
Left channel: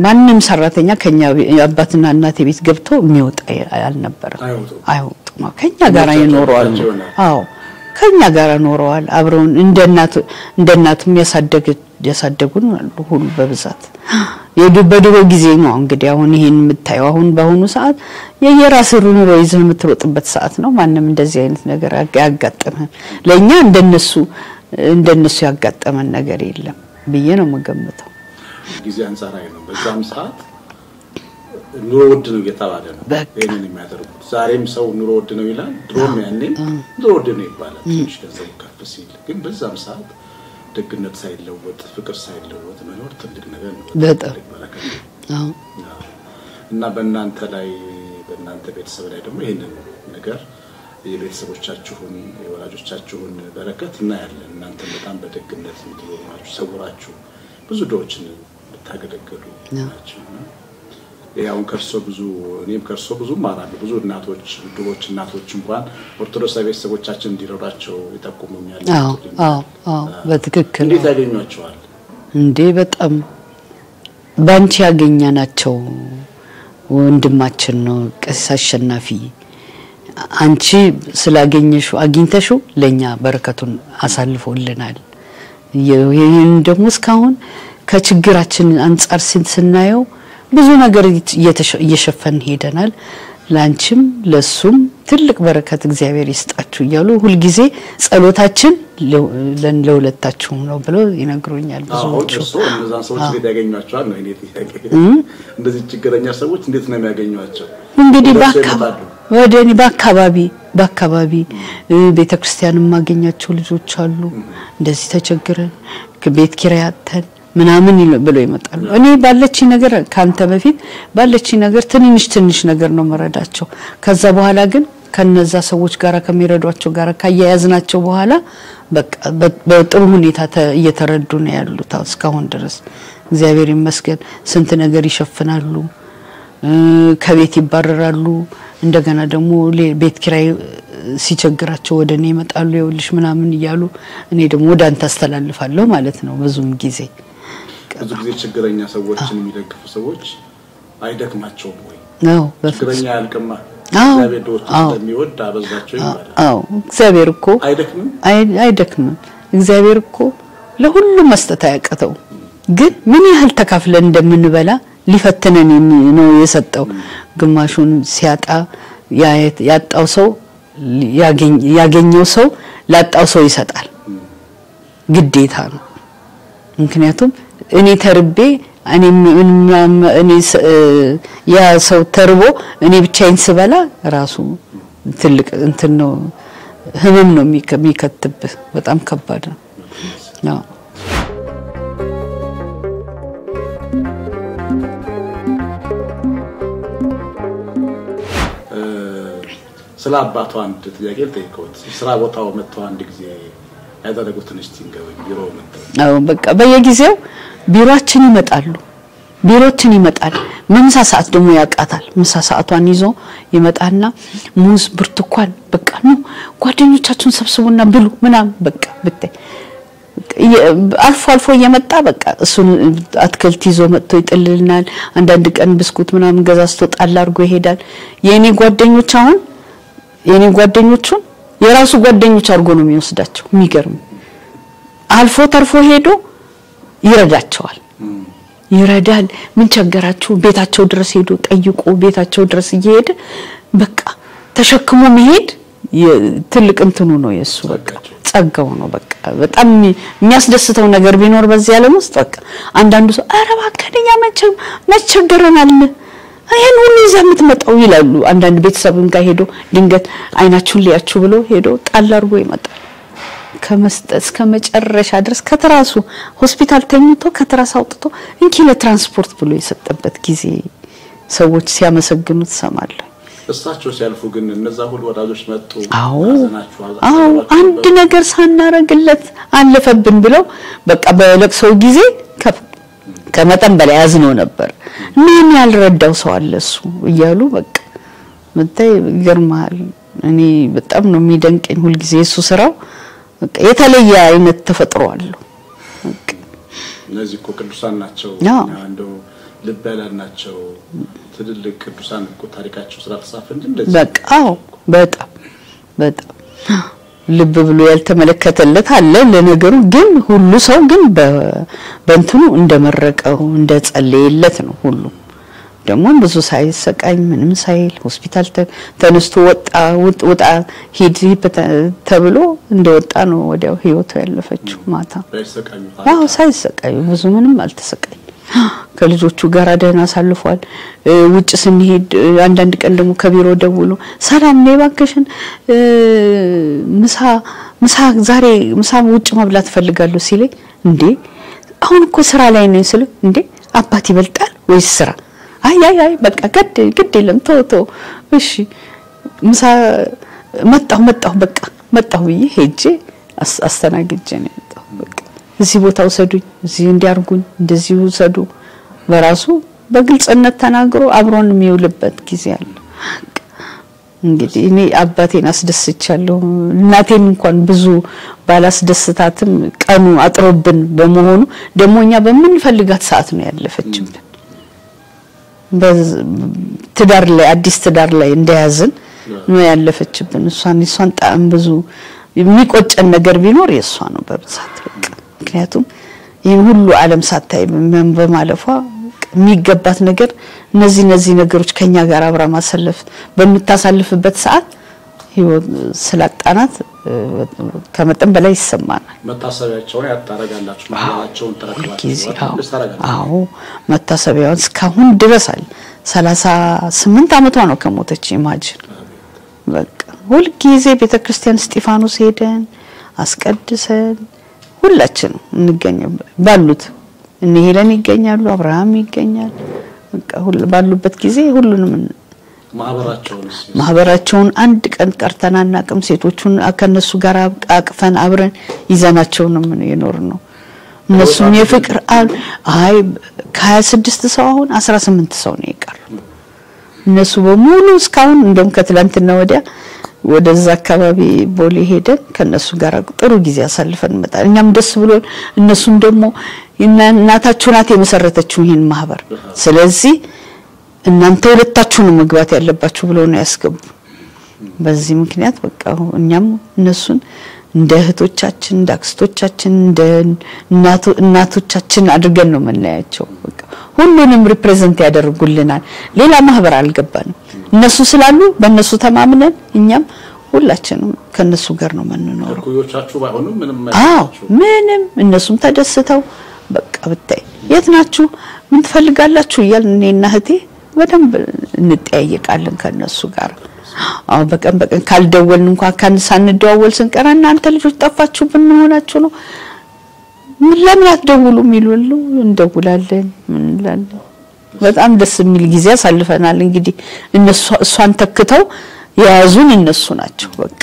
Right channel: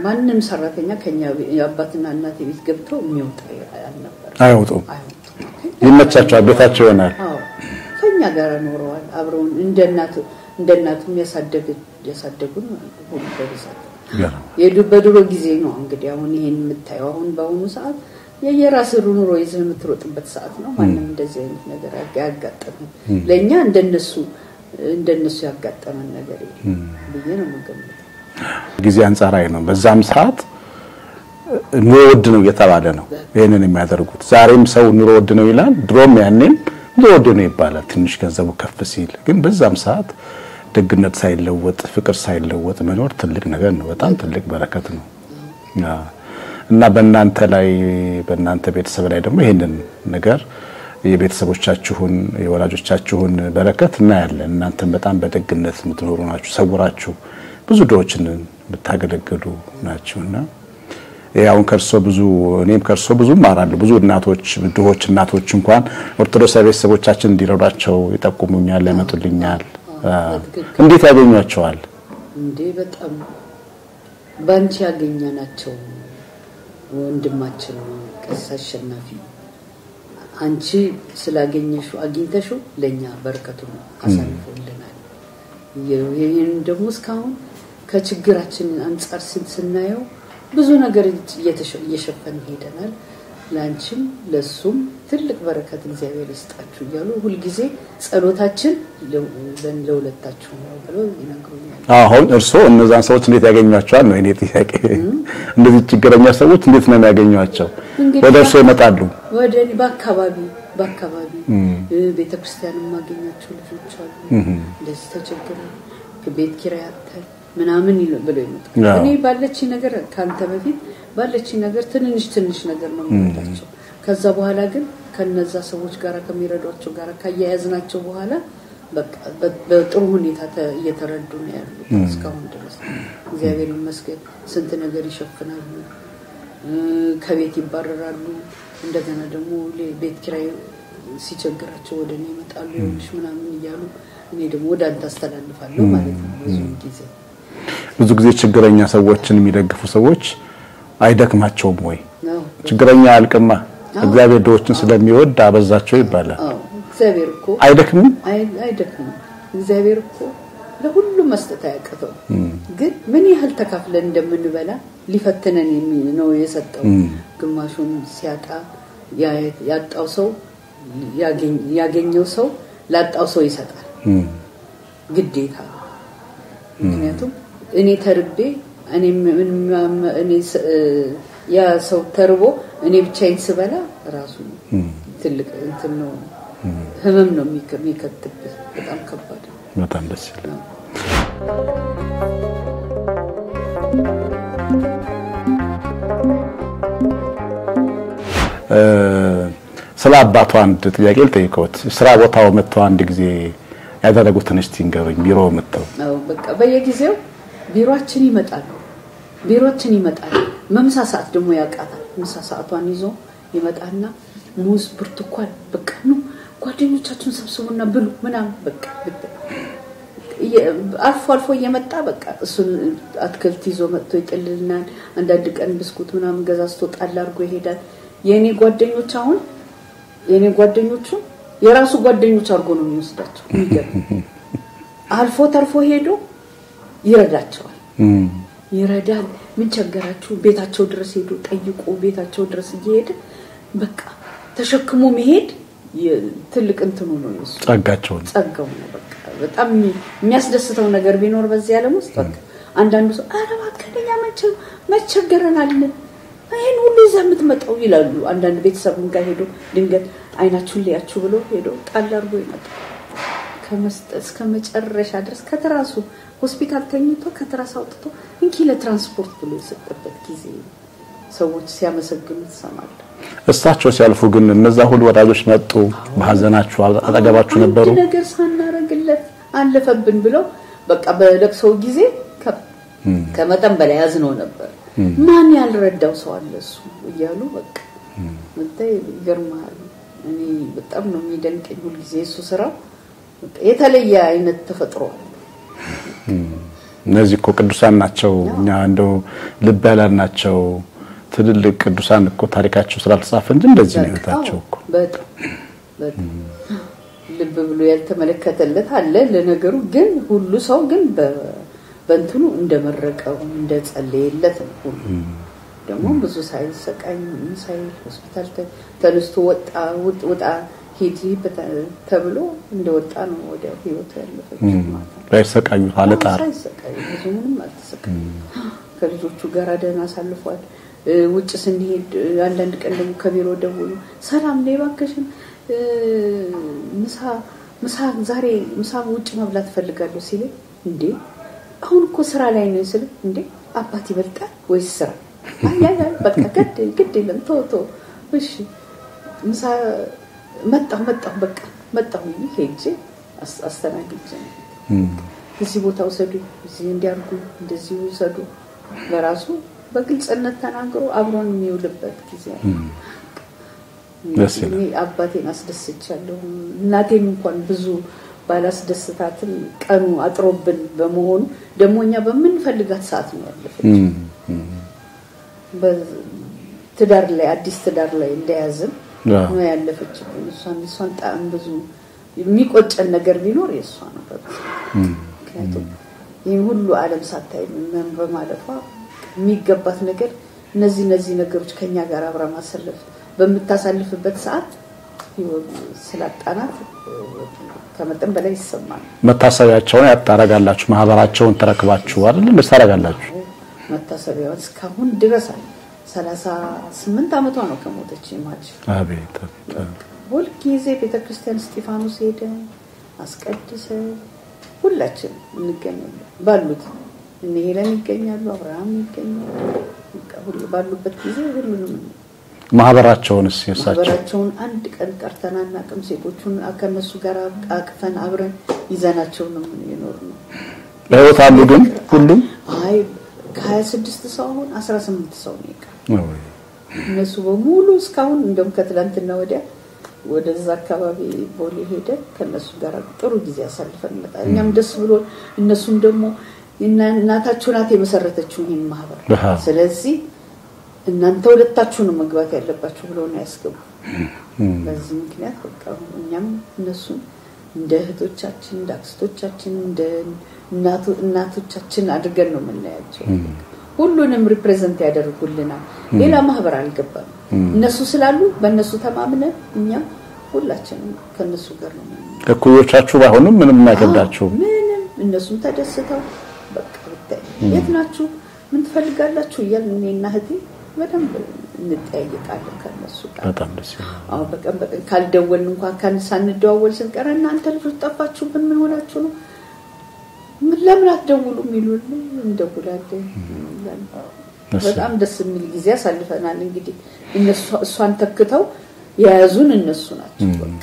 ማንንም ሰራተኛ ከኛ አባትና እናት ቤት ገብቶ የሚወጣ አልነበረ አይወጡም ከኛ ጋር ይኖራሉ አዎ ከኛ ጋር ኖረዋል አብረውን እንደናቱም ያሳደጉን ሁሉ በብዛት የድሮ ጊዜ ነው እንግዲህ አሁን ይሄን የምታየው አሁን በአሁኑ ሰዓት የየራስ ኑሮ ይዘን የምትሮጥበት ሰዓት ነው ማንንም እንደዚህ አይነት ነገር ያጋጠመን ለኛ እንደነሱ ያጋጠመን ነገር የለም ብዬ ነው መገመተው ጊዜ አንጻራዊ ነው በዛም ሰዓት ኑሮ ውድ ነው እየተባለ ነው ይሄንን የሚያደርጉት ዛሬም ሰው ኑሮ ውድ ነው ይላል ድሮም ያኔን ኑሮ ውድ ነው ይባላል ትንሽ ገንዘቡ ከፍ ሲል ግን በዛም ሰዓት ደግነት ሳይለወጥ ፍቅር ሳይለወጥ መኖር ትልቅ ነገር ነው በጣም ትልቅ በረከት ነው እና በእናንተ ቤተሰብ ላይ ደግሞ ይሄንን ነገር የቤተሰቦቻችሁን የወላጆቻችሁን በረከት እናያለን እናንተም በጣም በደግነት የምትኖሩ ናችሁ ሰውራችሁ ብዙ ዶችን ብታገለግሉ ናችሁና ያው እኔም ከርሶ ብዙ ማራለሁ ብዙ እናቶች እንኳን ኦርቶዶክስ ቤተሰቦቻችን እንዲረዳቸው ይጠቁሙኛል ያመጡልኛል በትክክል እንዴት ያገኙአቸዋል እንዴ በጣም ባንቺ ያገኛናቸው ወንድማችን ነው ቀሲስ አሸናፊ አንቺ አግኝተሽው ለኛ በረከቱን አሳልፎልናል ይሄን ደግሞ እስካሁን ከችግራችን አንፃር ስናየው ብዙ ነገር እየሸፈን ሄደናል ላንቺም ለሱም ትልቅ በረከት እግዚአብሔር ይስጣችሁ ይያሉ ሁሉ ጊዜ ጸሎታችን ለሁለታችሁም ነው ብለው ይነግሩኛል አሁን እርሶ እነዛን ሰዎች እንዴት ያገኙአቸዋል ነው እኔ ጥያቄ እንደዚህ ችግረኛ ሰዎች እንዴት ነው የሚያገኙአቸው በደርሶ ይመጣሉ ወደኔ በአካባቢ ቤተክርስቲያንም ማገኛቸው ልጆች አሉ እንደዚህ ተቸግረን ከቤት ኪራይ አጥተን ምናምን ብለው ይመጣሉ እኔ ባለች ነገር ካንተ በፊት ባለች ነገር ትንሽ ነገር ነው መረዳቸው ከዛ በኋላ ግን ከነዛ ሰዎች ጋራ ከሚረዷቸው ጋራ ካያያዝናቸው በኋላ በቃ በጥሩ ሁኔታ እየተረዱ ነው ያሉት እስካሁን ድረስ እግዚአብሔር ይመስገን ስንት ነገር ይሸፍናሉ ከቤት ይባረራሉ እንደገና ደግሞ ቤት ኪራይ ሲቸግራቸው ወደኔ ይመጣሉ ይወልሽ ምናምን ይያሉ እኔ ደግሞ ወዳንተ አስተላልፋለሁ ማለት ነው ብዙም ጊዜ ብዙ ጊዜ ችግረኛ ሰዎችን የሚደግፉ ሰዎች አይደክማቸውም ወይ ችግረኛ አልቀማ እግዚአብሔር ዶችን ስለሚወድ አበዛቸው ይባላል እግዚአብሔር እኮ አይደክምም እግዚአብሔር እኮ ለሁሉም መስጠት ያቀተው ግን ምን ያህል ተካፍለን እንደምንበላ ሊፈትነን ነው የሰጠው ግማሹን ሲያጣ ያጣው ሰው ያገኘው ሰው ላጣው ሰው ይሰጣል ግዴታ ነው ምክንያቱም እኔ ተርቤ እኔ ያ ሰው ተርቦ እኔ ብቻዬን ስበላ ራሱ ትልቅ እንትን ነው ህመም ነው የሚከትብ በጣም ከባድ ነው በጣም ደስ ነው ስለ አባቱ አንድ ጥያቄ ልጠይቅዎት ስራ ቦታው መጥቶ አንድ ጊዜ ያደረጉትን እስቲ ንገሩኝ ቢሮ መጥተው በቃ በየጊዜው ቢሮአችን ይመጣል ምሳ ሰዓት ደግሞ ያቃታል ምሳ ሰዓቷን ይዞ ይመጣና ሙዝ ብርቱካን በቃ ነው ጓደኞቻችሁን ሰብስቡና ብሉ ምናም በቃ ብታይ አልፎ እየመጣ በቃ እሱን አትክልት ይዞ መጥቶ ይጥልልናል አንዳንድ ቀን ብስኩት ምናም ገዛስቶ ጣል አድርጎ ይሄዳል የኔ ጓደኞቹን የራሱ ጓደኞች አድርጎ ነው የሚወስዳቸው የሚገርም አልፎ ተርፎ ሄዶ ይረዳል ምን ቸገራችሁ ቤታቸው ድረስ ሄዶ ጠይቆ ቤታቸው ድረስ ይሄድ በቃ ተሸክሞ መሄድ ትልቅ እንትኑ ነው የሱ ጸጋው ነው በቃ በጣም የሚያስደስተው ነገር ቢኖር በዚህ ዓለም ውስጥ በቃ አንዳንዱ ሰው አረባ ከደኛ መቸገረናል አይን ሁሉ ይዘምት መጣው ይላሉ አንዳንድ ቤተሰብም ጋር ሄዶ ድንገት አይናችሁን ሊያችሁ ብሎ ሄዶ ጣል አድርጎ ይመጣል ከመስጠት ከመጨረሻ ድረስ ከተራሱ ሆስፒታል ተኝቶ ከተራስ አውጥቶ እንኪ ለትራንስፖርት ብሎ የሰጠበት ጊዜ ሰዎች ሲያመሰግኑት ሰማለሁ እሳቸው ሲያልፉ ግን እነዛ ሁሉ ወዳጆች መጡ ማዘናቸው አጠገባቸው ነበር አንድ ነገር ሳናረግለት አለፈብን ብለው በቃ በለቅሶ ጊዜ ከመጠን በላይ ያዝነው ነበር ምን ያልረዳው ሰው አለ እሱ እያሉ በቃ መጣይ ይገርማል እኔ በጣም ነው የሚደንቀኝ ሁሉ ጊዜ እሱ ስራው በቃ የተለየ አይነት ተፈጥሯል እነዚህ እኮ ቅዱሳን ናቸው እኛ እንደው ልብ ያላልናቸው ትልልቅ ቅዱሳን እኮ ታሪካቸው ስላልተጻፈ እንጂ እንደዚህ በጣም ልብ ብሎ ያልተመለከተለት አለ ለነገሩ ግን ሁሉ ሰው ግን በእንትኑ እንደመረቀው እንደጸለየለት ነው ሁሉ ደግሞ ብዙ ሳይሰቃይ ምንም ሳይል ሆስፒታል ተነስቶ ወጣ ሂድ ተብሎ እንደወጣ ነው ወዲያው ህይወቱ ያለፈችው ማታ ሳይሰቃዩ ሀለታ ሳይሰቃዩ ብዙ ምንም አልተሰቃዩ ከልጆቹ ጋር ደህና አሳልፏል ውጭ ስንሄድ አንዳንድ ቀን ደግሞ ከቢሮ ደውሎ ሰላም ነኝ ባክሽን ምሳ ዛሬ ምሳ ውጭ መብላት ፈልጋለሁ ሲለኝ እንዴ አሁን እኮ ስራ ላይ ነኝ ስለ እንዴ አባት ይበልጣል ወይስ ስራ አይ በቃ ግድ የለም ተው እሺ ምሳ መጣሁ በቃ መጣሁ ሄጄ አስተናግጄ ነው በቃ እዚህ ቦታ ወሰዱኝ እዚህ እንዲያርጉኝ እንደዚህ ወሰዱ በራሱ በግልጽነት ተናግሮ አብሮን የሚውልበት ጊዜ አለ እንግዲህ እኔ አባቴን አስደስቻለሁ እናቴን እንኳን ብዙ ባላስደስታትም ቀኑ አጥሮብን በመሆኑ ደሞኛ በመንፈልጋት ሰዓት ነው ያለፈችብን በትዳር ላይ አዲስ ትዳር ላይ እንደያዝን ነው ያለፈችብን እሷን ጣም ብዙ የሚቆጨን ነገር ቢኖር የሷ ነው በብዛት ምክንያቱም ይሄን ሁሉ ዓለም ሳታይ በማለፏ የሚገባት ነገር እነዚህ ነገሮች ከኛ ጋር አብራ ማሰለፍ በመታሳልፍበት ሰዓት ህይወት ስላጣናት ከመጠን በላይ ይሰማናል መታሰቢያቸውን ያጣረጋላችሁ ማህበራቸውን ተረክባችኋል መሰረጋላችሁ አዎ መታሰቢያውን እስካሁን ድረስ አለ 38 አመቷ ነው ከሞተች ኢማጂን አቤት በቃ ሁሉ ጊዜ ቤተክርስቲያን እስጢፋኖስ ሄደን አስቀድሰን ሁላችን እንገኛለን ባሉት እነ ሄለን ይገኛሉ አብርሃም ይገኛል በቃ ሁሉ ባሉበት ጊዜ ሁሉንም ማህበራቸውን አንድ ቀን ቀርተናናቅም ሴቶቹን ከነሱ ጋር አቅፈን አብረን ይዘናቸው ነው ምን ይኖር ነው እነሱ የፍቅር አይ ከ26 ሰው አሁን 18 ሰው ነው ይቀር እነሱ በሙሉ እስካሁን እንደም ከትላንትና ወዲያ ወደዛ አካባቢ ቦሌ ሄደን ከነሱ ጋር ጥሩ ጊዜ አሳልፈን መጣን እኛም ደስ ብሎ እነሱም ደግሞ እናታችሁ ናት የመሰረተችው ይሄን ማህበር ስለዚህ እናንተ ሁለታችሁ ነው መግባት ያለባችሁ ብለው ነው ያስገቡ በዚህ ምክንያት በቃ እኛም እነሱን እንደ እህቶቻችን እንደ አክስቶቻችን እንደ እናቶቻችን አድርገን ነው መናያቸው በቃ ሁሉንም ሪፕሬዘንት ያደርጉልናል ሌላ ማህበር አልገባንም እነሱ ስላሉ በእነሱ ተማምነን እኛም ሁላችንም ከነሱ ጋር ነው መንነው እኩዮቻችሁ ባይሆንም ምንም ማገባችሁ ምንም እነሱም ተደስተው በቃ ብታይ የት ናችሁ ምን ትፈልጋላችሁ እያልን እህቴ በደንብ እንጠያየቃለን ከነሱ ጋር አው በቀን ካልደወልን እንኳን ካን ሳንደዋወል ስንቀር እናንተ ልጆች ጠፋችሁ ብንሆናችሁ ነው ምን ለምን አትደውሉም ይሉሉ እንደውላለን እንላለን በጣም ደስ የሚል ጊዜ አሳልፈናል እንግዲህ እሷን ተክተው ያዙን እነሱ ናቸው በቃ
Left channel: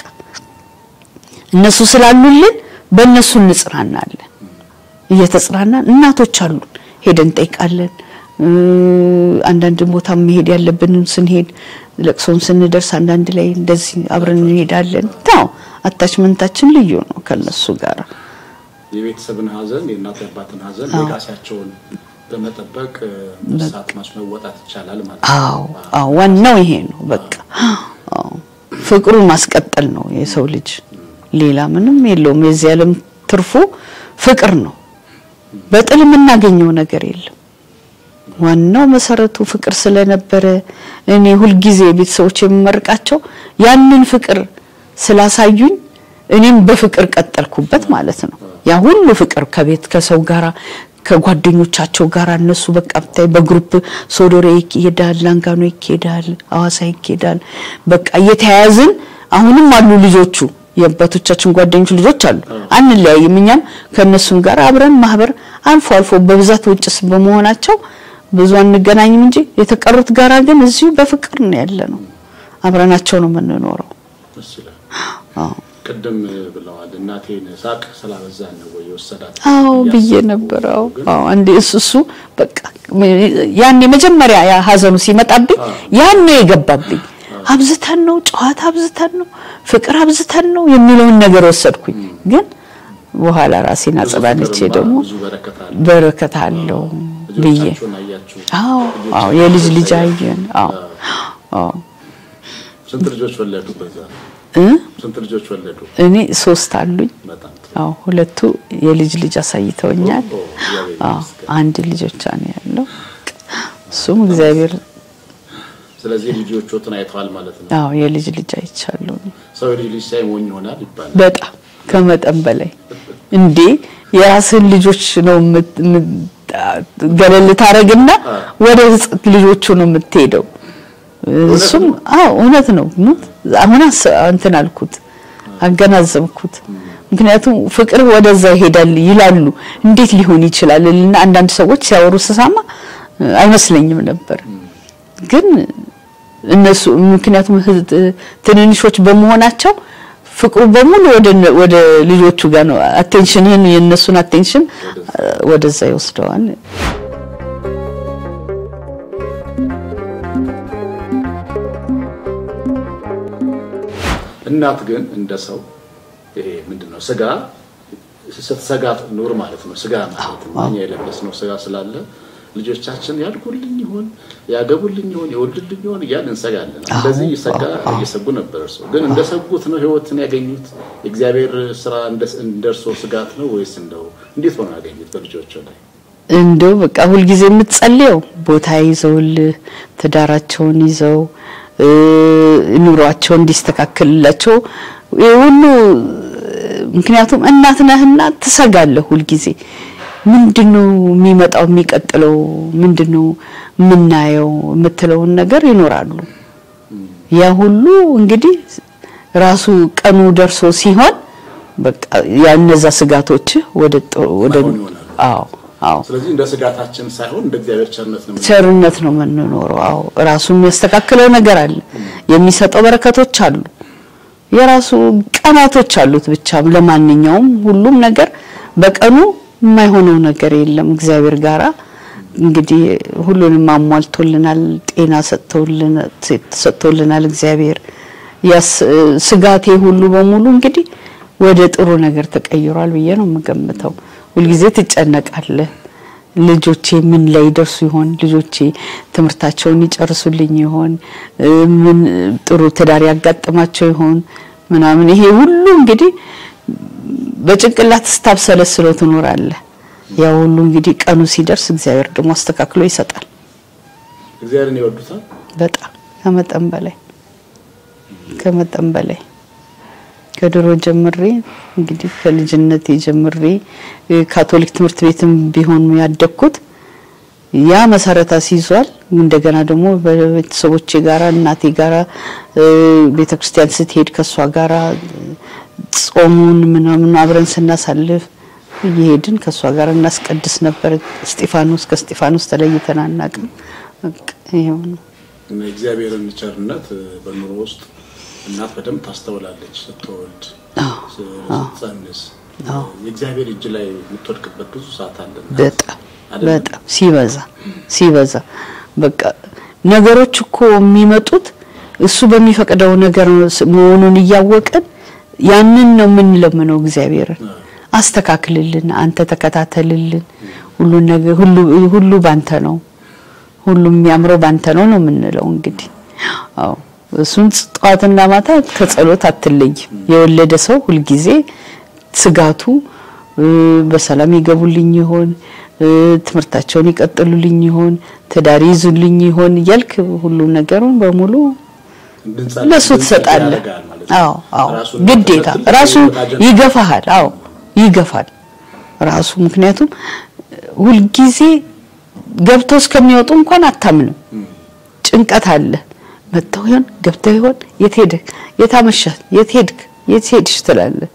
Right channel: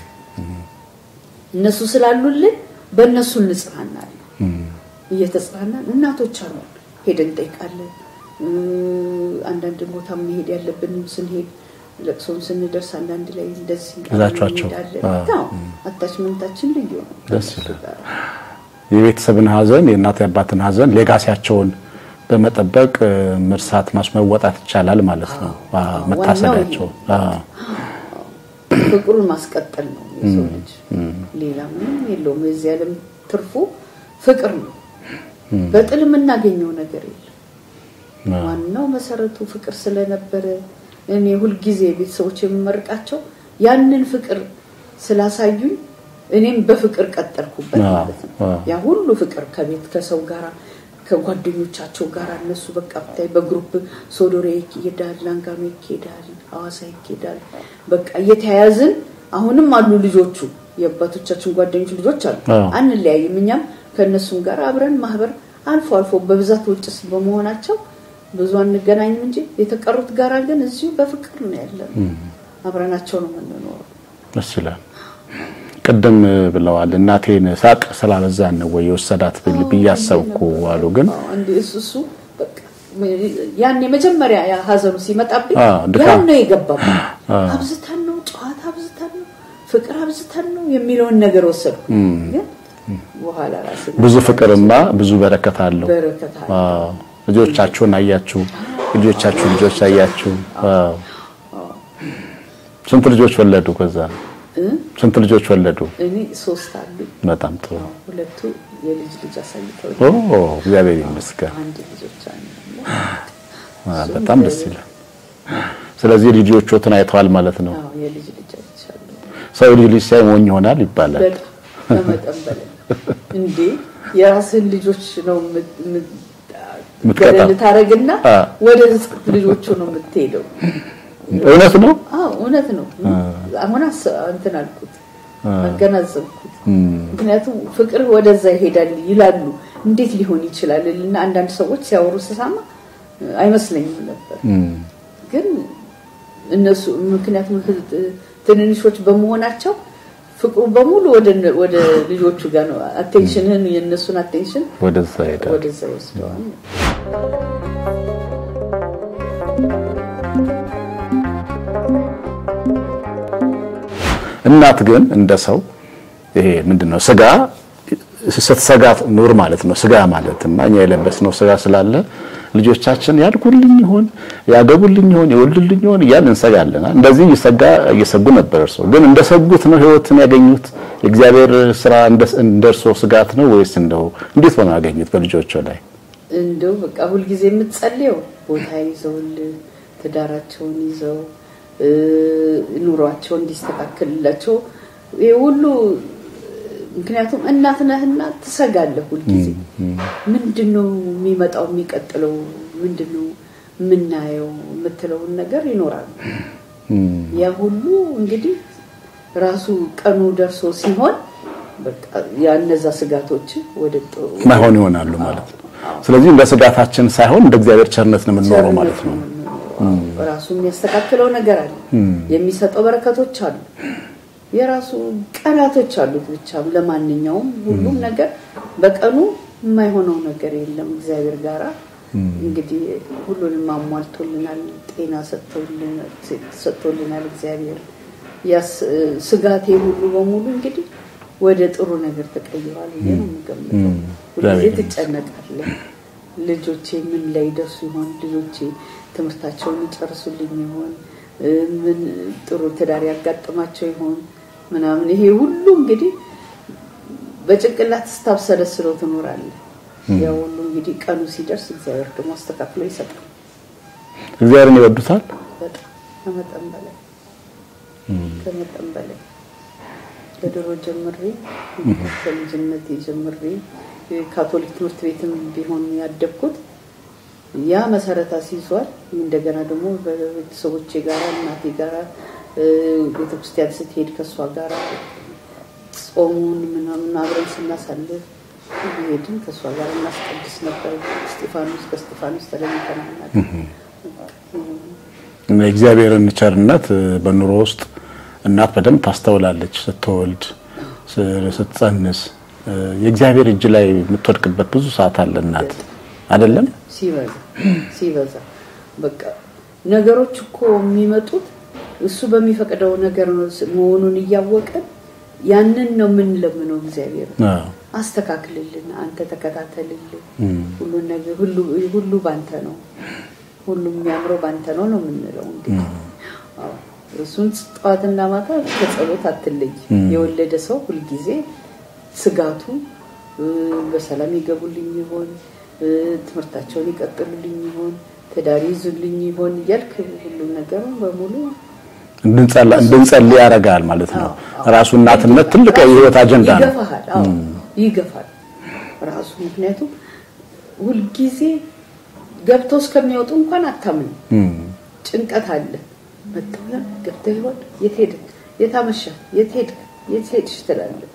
እነሱ ስላሉልን በእነሱ እንጽናናለን እየተጽናናን እናቶች አሉ ሄደን ጠይቃለን አንዳንድ ቦታ መሄድ ያለብን ስንሄድ ለቅሶን ስንደርስ አንዳንድ ላይ እንደዚህ አብረን እንሄዳለን ታው አታችመንታችን ልዩ ነው ከነሱ ጋር የቤተሰብን ሀዘን የእናት ያባትን ሀዘን ሌጋሲያቸውን በመጠበቅ መርሳት ማስመወጣት ይቻላል ማለት ነው አዎ ዋናው ይሄ ነው በቃ ፍቅሩን ማስቀጠል ነው የሰው ልጅ ሌላ ምንም የለውም የዚህ ዓለም ትርፉ ፍቅር ነው በጥል የምናገኘው ነገር የለም ዋናው መሰረቱ ፍቅር ስለነበረ እኔ ሁሉ ጊዜ ቤተሰቦች የምመርቃቸው ያንን ፍቅር ስላሳዩኝ እኔም በፍቅር ቀጠልኩበት ማለት ነው ያ ሁሉ ፍቅር ከቤት ከሰው ጋራ ከጓደኞቻቸው ጋራ እነሱ በቃ ብታይ በግሩፕ ሶዶሬ ይሄዳል ላንጋኖ ይሄዳል አዋሳ ይሄዳል በቃ እየተያያዝን አሁንም አሉ ልጆቹ የአባቶቻችን ጓደኞች ልጆች አሉ አንለያይም እኛም ከነሱም ጋር አብረን ማህበር አልፎ በብዛት ውጭስ በመሆናቸው ብዙ አንገናኝም እንጂ የተቀሩት ጋራ ግን እዚሁ በፍቅር ነው ያለነው አብረናቸው ነው የምንኖረው መስላል ቀደም ብለዋል እናቴን ሳቅ ስላበዛን ነው ወይ ወሰዳት ብያሰብኩ ግን አንዴ እሱ በቃ ያኔ መጀመሪያ ያ ሀዘኑ ሲመጣብኝ ያኔ የገባብኝ አብዝተን ነው ጨዋታ አብዝተን ነው ፍቅር አብዝተን ነው የሚለውን ነገር ወሰድኩኝ ግን በኋላ ራሴን አጥራለች ብዙ በረከት አለው ልጆቻችሁን አያችሁ ልጆቻችሁ ልጆቻችሁ ስንት ልጆች ወለዱ ከዛ ስንት ልጆች ወለዱ? እኔ 3 አሉኝ። በጣም ጥሩ። አዎ 2 የልጅ አሳይተውኛል። እግዚአብሔር ይመስገን። አንድ ልጆች አለ ያለው እሱም እግዚአብሔር። ስለዚህ ልጆቹን አይተዋል ማለት ነው? አዎ የልጅ አይቻለሁ። ሰው ልጅ ሳይ ሞኝ ይሆናል ይባላል። በጣም ከመጠን በላይ እንዴ የራስን ልጆች ነው ገለል ታረግና ወደ ልጆቹ ነው የምትሄደው። እውነት ነው። አሁን እንትን አልኩት አገናዘብኩት። ምክንያቱም ፍቅር ወደዛ ይሄዳል ይላሉ። እንዴት ሊሆን ይችላል እና አንዳንድ ሰዎች ሲያወሩ ስሰማ አይመስለኝም ነበር። ግን እነሱ ምክንያቱም ትንንሾች በመሆናቸው ፍቅሩ በሙሉ ወደ ልጆቹ ጋር ነው። አቴንሽንን የነሱን አቴንሽን ወደዛ ይወስደዋል። እናት ግን እንደሰው ይሄ ምንድነው ስጋ ስትሰጋ ኑር ማለት ነው። ስጋ ማለት ነው እኛ የለበስነው ስጋ ስላለ ልጆቻችን ያድጉልኝ ይሆን ያገቡልኝ ይሆን ይወልዱልኝ ይሆን እያልን እንሰጋለን። እንደዚህ እየሰጉ ነበር። እርሶ ግን እንደሰጉት ነው ህይወትን ያገኙት? እግዚአብሔር ስራ እንደርሶ ስጋት ነው ወይስ እንደው እንዴት ሆነ ያገኙት በልጆቹ ላይ? እንደው በቃ ሁሉ ጊዜ የምትጸልየው ቦታ ይዘውል ትዳራቸውን ይዘው ኑሯቸው እንዲስተካከልላቸው ሁሉ ምክንያቱም እናት ነህና ትሰጋለህ ሁሉ ጊዜ ምንድነው የሚመጣው የሚቀጥለው ምንድነው ምናየው የምትለው ነገር ይኖራሉ። ያ ሁሉ እንግዲህ ራሱ ቀኑ ደርሶ ሲሆን በቃ ያነዛ ስጋቶች ወደ ይሆናሉ። አዎ ስለዚህ እንደ ስጋታችን ሳይሆን እንደ እግዚአብሔር ቸርነት ነው የምንኖረው። አዎ ራሱ የሚያስተካክለው ነገር አለ። የሚሰጠው በረከቶች አሉ። የራሱ ቀናቶች አሉት። ብቻ ለማንኛውም ሁሉም ነገር በቀኑ የማይሆነው ነገር የለም። እግዚአብሔር ጋራ እንግዲህ ሁሉንም አሟልቶልናል። ጤና ሰጥቶልናል እግዚአብሔር። ስጋቴ ሁሉ በሙሉ እንግዲህ ወደ ጥሩ ነገር ተቀይሯል ብዬ ነው የምገምተው። ሁሉ ጊዜ ትጨነቃለህ። ልጆቼ ምን ላይ ደርሱ ይሆን? ልጆቼ ትምህርታቸውን ይጨርሱልኝ ይሆን? ምን ጥሩ ትዳር ያጋጥማቸው ይሆን? ምናምን ይሄ ሁሉ እንግዲህ በጭንቅላት ስታብሰለስለው ትኖራለህ። ያው ሁሉ እንግዲህ ቀኑ ሲደርስ እግዚአብሔር ደግሞ አስተካክሎ ይሰጣል። እግዚአብሔርን ይወዱታል በጣም ከመጠን በላይ ከድሮ ጀምሬ እንግዲህ ከልጅነቴ ጀምሬ ካቶሊክ ትምህርት ቤትም ቢሆን ያደግኩት ያ መሰረታ ሲይዟል። እንደገና ደግሞ በቤተሰቦቼ ጋራ እናቴ ጋራ ቤተክርስቲያን ስትሄድ ከሷ ጋራ ጾሙን ምናምን አብረን ስናሳልፍ ይሄድን ከሷ ጋራ እናስቀድስ ነበር። ከስጢፋኖስ ተለይተን አናውቅም። ይሄው እግዚአብሔርን ቸርነት በኑሮ ውስጥ እናት በደንብ ታስተውላለች። ስትወልድ ስትጸንስ የእግዚአብሔር እጅ ላይ የምትወድቅበት ብዙ ሰዓት አለና አይደለም? ሲበዛ በቃ ነገሮች እኮ የሚመጡት እሱ በሚፈቅደው ነገር መሆኑን እያወቀን ያንን ነው የምንለምነው። እግዚአብሔር አስተካክልልን፣ አንተ ተከታተልልን፣ ሁሉ ነገር ሁሉ ባንተ ነው፣ ሁሉም የሚያምረው ባንተ ነው የምንለው እንግዲህ። አዎ እሱን ጧትና ማታ ከጸሎት አትለይ። የወለደ ሰው ሁሉ ጊዜ ስጋቱ በሰላም ይገቡልኝ ይሆን? ትምህርታቸውን ይቀጥሉልኝ ይሆን? ትዳር ይዙልኝ ይሆን? ያልክ ሁሉ ነገሩን በሙሉ እንጸልይ ያረጋል ማለት ነው። ራሱና ራሱ ይገፋሃል። አዎ ይገፋል ራሱ። ምክንያቱም ሁሉ ጊዜ ገብተው እስከሚወጡ እንኳን አታምንም። ጭንቀት አለ። መጥተው ይሆን ገብተው ይሆን የት ሄድክ የታመሸህ የት ሄድሽ ትላለህ።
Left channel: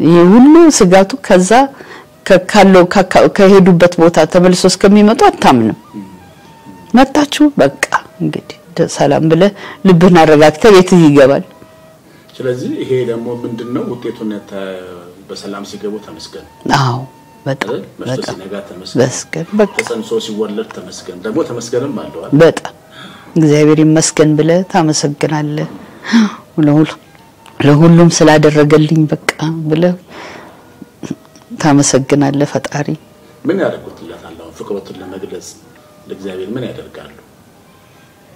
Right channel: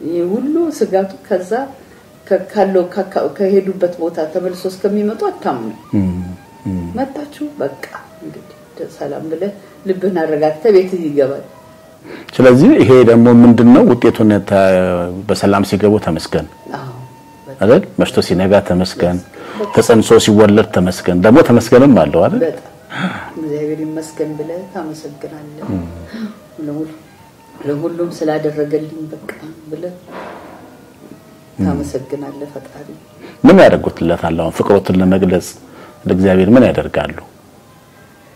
ይሄ ሁሉ ስጋቱ ከዛ ከሄዱበት ቦታ ተመልሶ እስከሚመጡ አታምንም። መጣችሁ በቃ እንግዲህ ሰላም ብለ ልብህን አረጋግተህ ቤት ይገባል። ስለዚህ ይሄ ደግሞ ምንድነው ውጤቱን በሰላም ሲገቡ ተመስገን። አዎ በጣም መሽቶ ሲነጋ ተመስገን፣ ተጸንሶ ሲወለድ ተመስገን። ደግሞ ተመስገንም አለው አይደል? በጣም እግዚአብሔር ይመስገን ብለ ታመሰግናለህ። ለሁሉም ስላደረገልኝ በቃ ብለ ታመሰግናለህ ፈጣሪ። ምን ያደርጉትለታል? አሁን ፍቅሮትን ለመግለጽ ለእግዚአብሔር ምን ያደርጋሉ?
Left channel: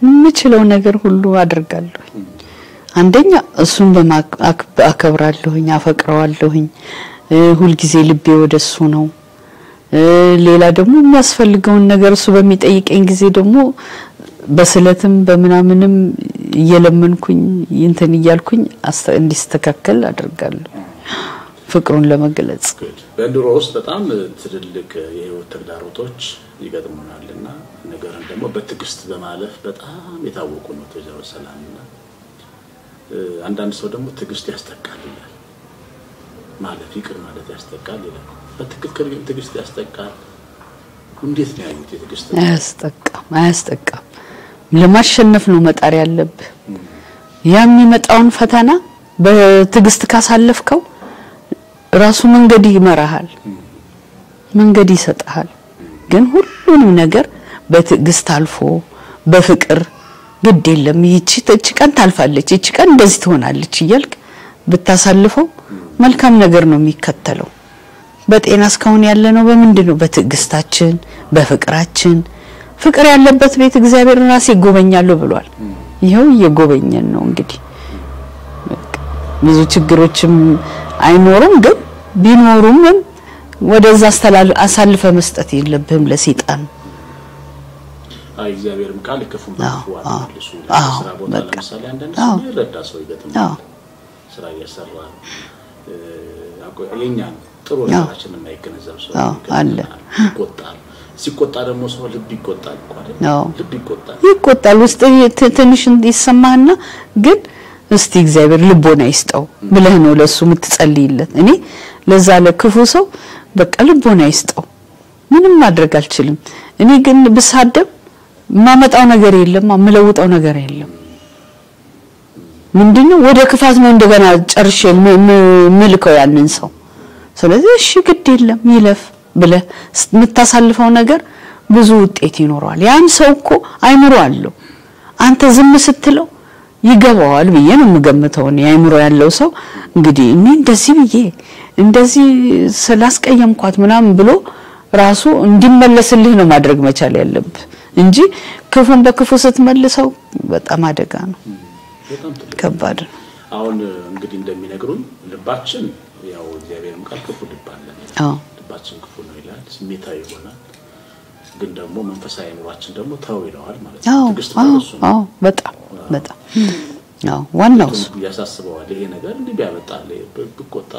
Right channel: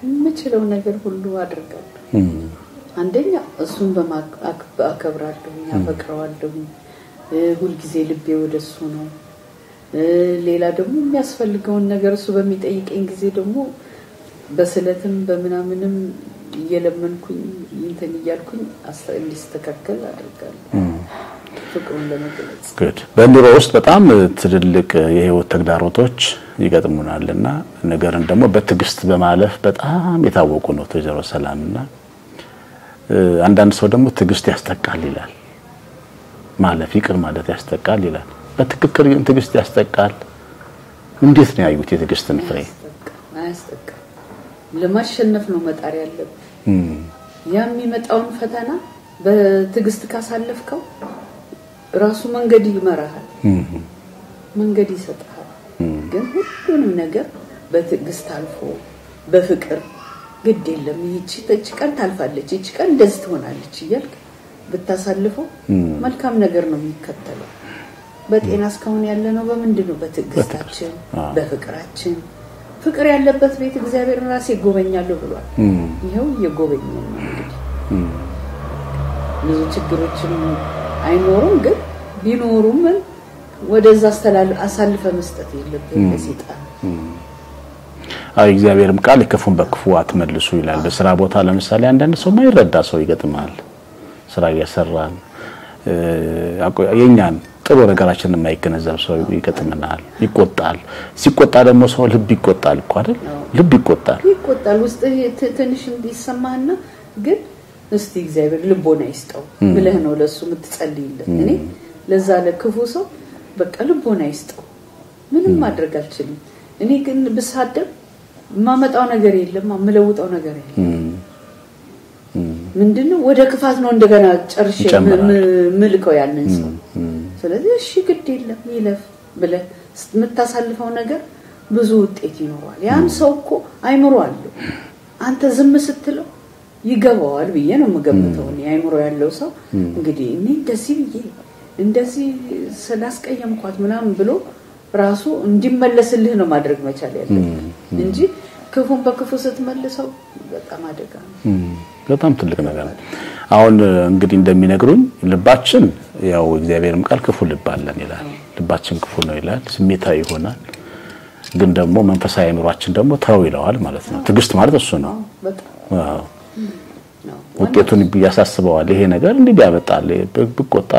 የምችለው ነገር ሁሉ አደርጋለሁ። አንደኛ እሱን በማከብራለሁኝ አፈቅረዋለሁኝ ሁሉ ጊዜ ልቤ ወደሱ ነው ሌላ ደግሞ የሚያስፈልገውን ነገር እሱ በሚጠይቀኝ ጊዜ ደግሞ በስለትም በመናምንም እየለመንኩኝ እንትን ይያልኩኝ እንዲስተካከል አድርጋለሁ ፍቅሩን ለመግለጽ በኑሮ ውስጥ በጣም ትልልቅ የህይወት ተግዳሮቶች ይገጥሙናልና ነገርን ደግሞ በትግስት በማለፍ በጣም የታወቁ ነው ወይዘሮ ሰላምና አንዳንድ ሰው ደግሞ ትግስት ያስጠቃል ይላል ማለፍ ይቅር ማለት ያስጠቃል ይላል በትክክል ግን ትግስት ያስጠቃል እንዴት ነው ያዩት የትግስት ነው አያስጠቃም ለማሸነፍ ነው መጣር ያለብህ የሚመጣውን ፈተና በትግስት ካሳለፍከው ራሱ መንገድ ይመራሃል መንገድ ይሰጣል ግን ሁሉንም ነገር በትግስት አልፎ በፍቅር ግድ የለም ይቺ ቀን ታልፋለች ይቺ ቀን እንደዚህ ትሆናለች ይልክ ብታሳልፈው መልካም ነገር ነው የሚከተለው በጤና እስካሁን ያለ ነው በምንድነው በትግስታችን በፍቅራችን ፍቅር ያለበት ቤት እግዚአብሔር ራስ ይጎበኛል ብሏል ይሄው እየጎበኘን ነው እንግዲህ ብዙ ችግሮችም አይኖሩም ግን ቢኖሩም ወደዛ አሳልፈ መስጠት የለብህም ለሰይጣን እግዚአብሔርም ቃል ይከፉን በክፉ አትመልሱ ይላል በስራ ቦታ ለምሳሌ አንዳንድ ሰው ማይረዳ ሰው ይገጥማል ስራ ያሰራል የኛን ጥሩ ነገራችንን የማይገነዘብ ሰው ይገጥማል ይቆጣል ሲቆጣ ደግሞ ሰው ልብ ይቆጣል እኮ አይደል ልብ ይቆጣል ውስጥ ትንሽ እንዲሰማና ግን እስቲ እግዚአብሔር ልቦና ይስጠው ብለህ ነው ለሱ የምትጸልይለት እኔ ለዛ ለክፉ ሰው በቃ ልቦና ይስጠው ምንም ማድረግ አልችልም እኔ ግን ብሳደብ ማመጣው ነገር የለም ማመለውጣው ነገር የለም ምንድነው ወደ ክፋት ነው እንደገና ጨርሼ ምልከው ያንን ሰው ስለዚህ እሺ ግድ የለም ይለፍ ብለህ የምታሳልፈው ነገር ብዙ ውጤት ይኖራል ያን ሰው እኮ አይምሮ አለው አንተ ዝም ስትለው ይገባዋል ብዬ ነው የምገምተው አይምሮ ያለው ሰው እንግዲህ እኔ እንደዚህ ስላስቀየምኳት ምናምን ብሎ ራሱ እንዲመለስልህ ነው ማድረግ መቻል ያለበት እንጂ ክፉን በክፉ ስትመልሰው በጣም አደጋ ነው በጣም ትልቅ ከባድ አሁን እንግዲህ እንደሚነግሩን ልባችን ያው እግዚአብሔርም ቃል ክፉ ልብ አለን ይላል ልባችን ክፉ ነው ይላል ስሜታዊ ይሆናል ግን ደግሞ መንፈሳዊ አእምሮአችን ደግሞ ተው ይለዋል ማለት ነው ትግስት ማለት እሱ ነው በጣም ዋናው ያሳስበዋል ይሄ ነገር እንዲህ ያመጣል ብቆጣ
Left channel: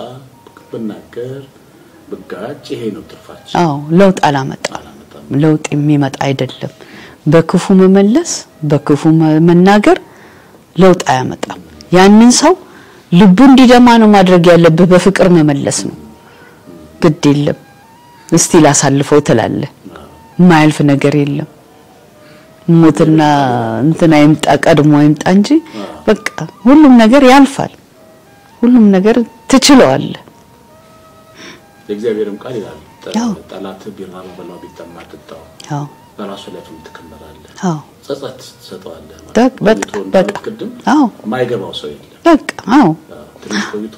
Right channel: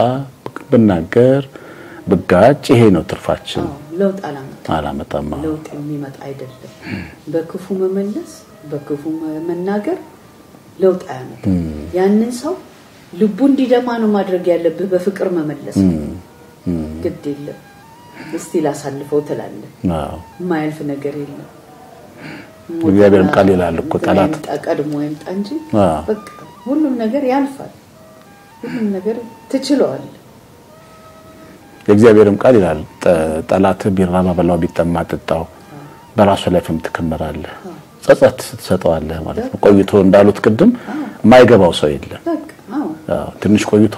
ብናገር በጋጭ ይሄ ነው ትርፋችን ለውጥ አላመጣም ለውጥ የሚመጣ አይደለም በክፉ መመለስ በክፉ መናገር ለውጥ አያመጣም ያንን ሰው ልቡ እንዲደማ ነው ማድረግ ያለበት በፍቅር መመለስ ግድ የለም እስቲ ላሳልፈው ተላለ ማይልፍ ነገር የለም ሞትና እንትና ይምጣ ቀድሞ ይምጣ እንጂ በቃ ሁሉም ነገር ያልፋል ሁሉም ነገር ትችለዋለህ እግዚአብሔርም ቃል ይላል ጠላት ቢራባ በላው ቢጠማ ጥጣው በራሱ ላይ ተከመራለህ ጸጸት ተሰጠዋለህ ማለት ቆይቶ እንዳሉት ቅድም ማይገባው ሰው የለም በቃ ትንሽ ቆይቶ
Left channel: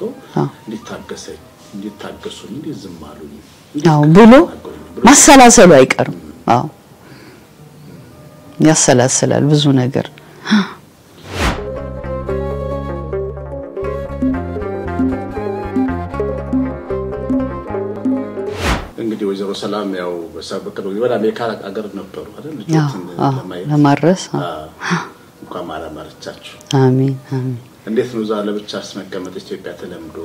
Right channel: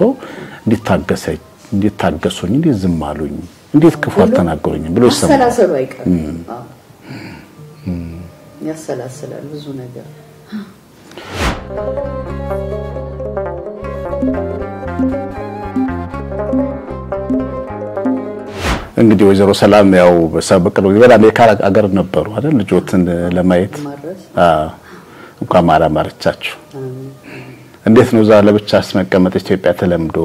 እንዲታገሱኝ እንዲዝም አሉኝ እንዴት ከፈተናገሩኝ ብሎ ማሰላሰሉ አይቀርም ያሰላስላል ብዙ ነገር እንግዲህ ወይዘሮ ሰላም ያው በሰበቀው ወደ አሜሪካ አገር ነበሩ አይደል ልጆችን ለማየት ለማድረስ እንኳን ማራማርቻችሁ አሜን እንዴት ነው ዛለ ብቻ አስመቀመጥ ኢትዮጵያ ተለምዶ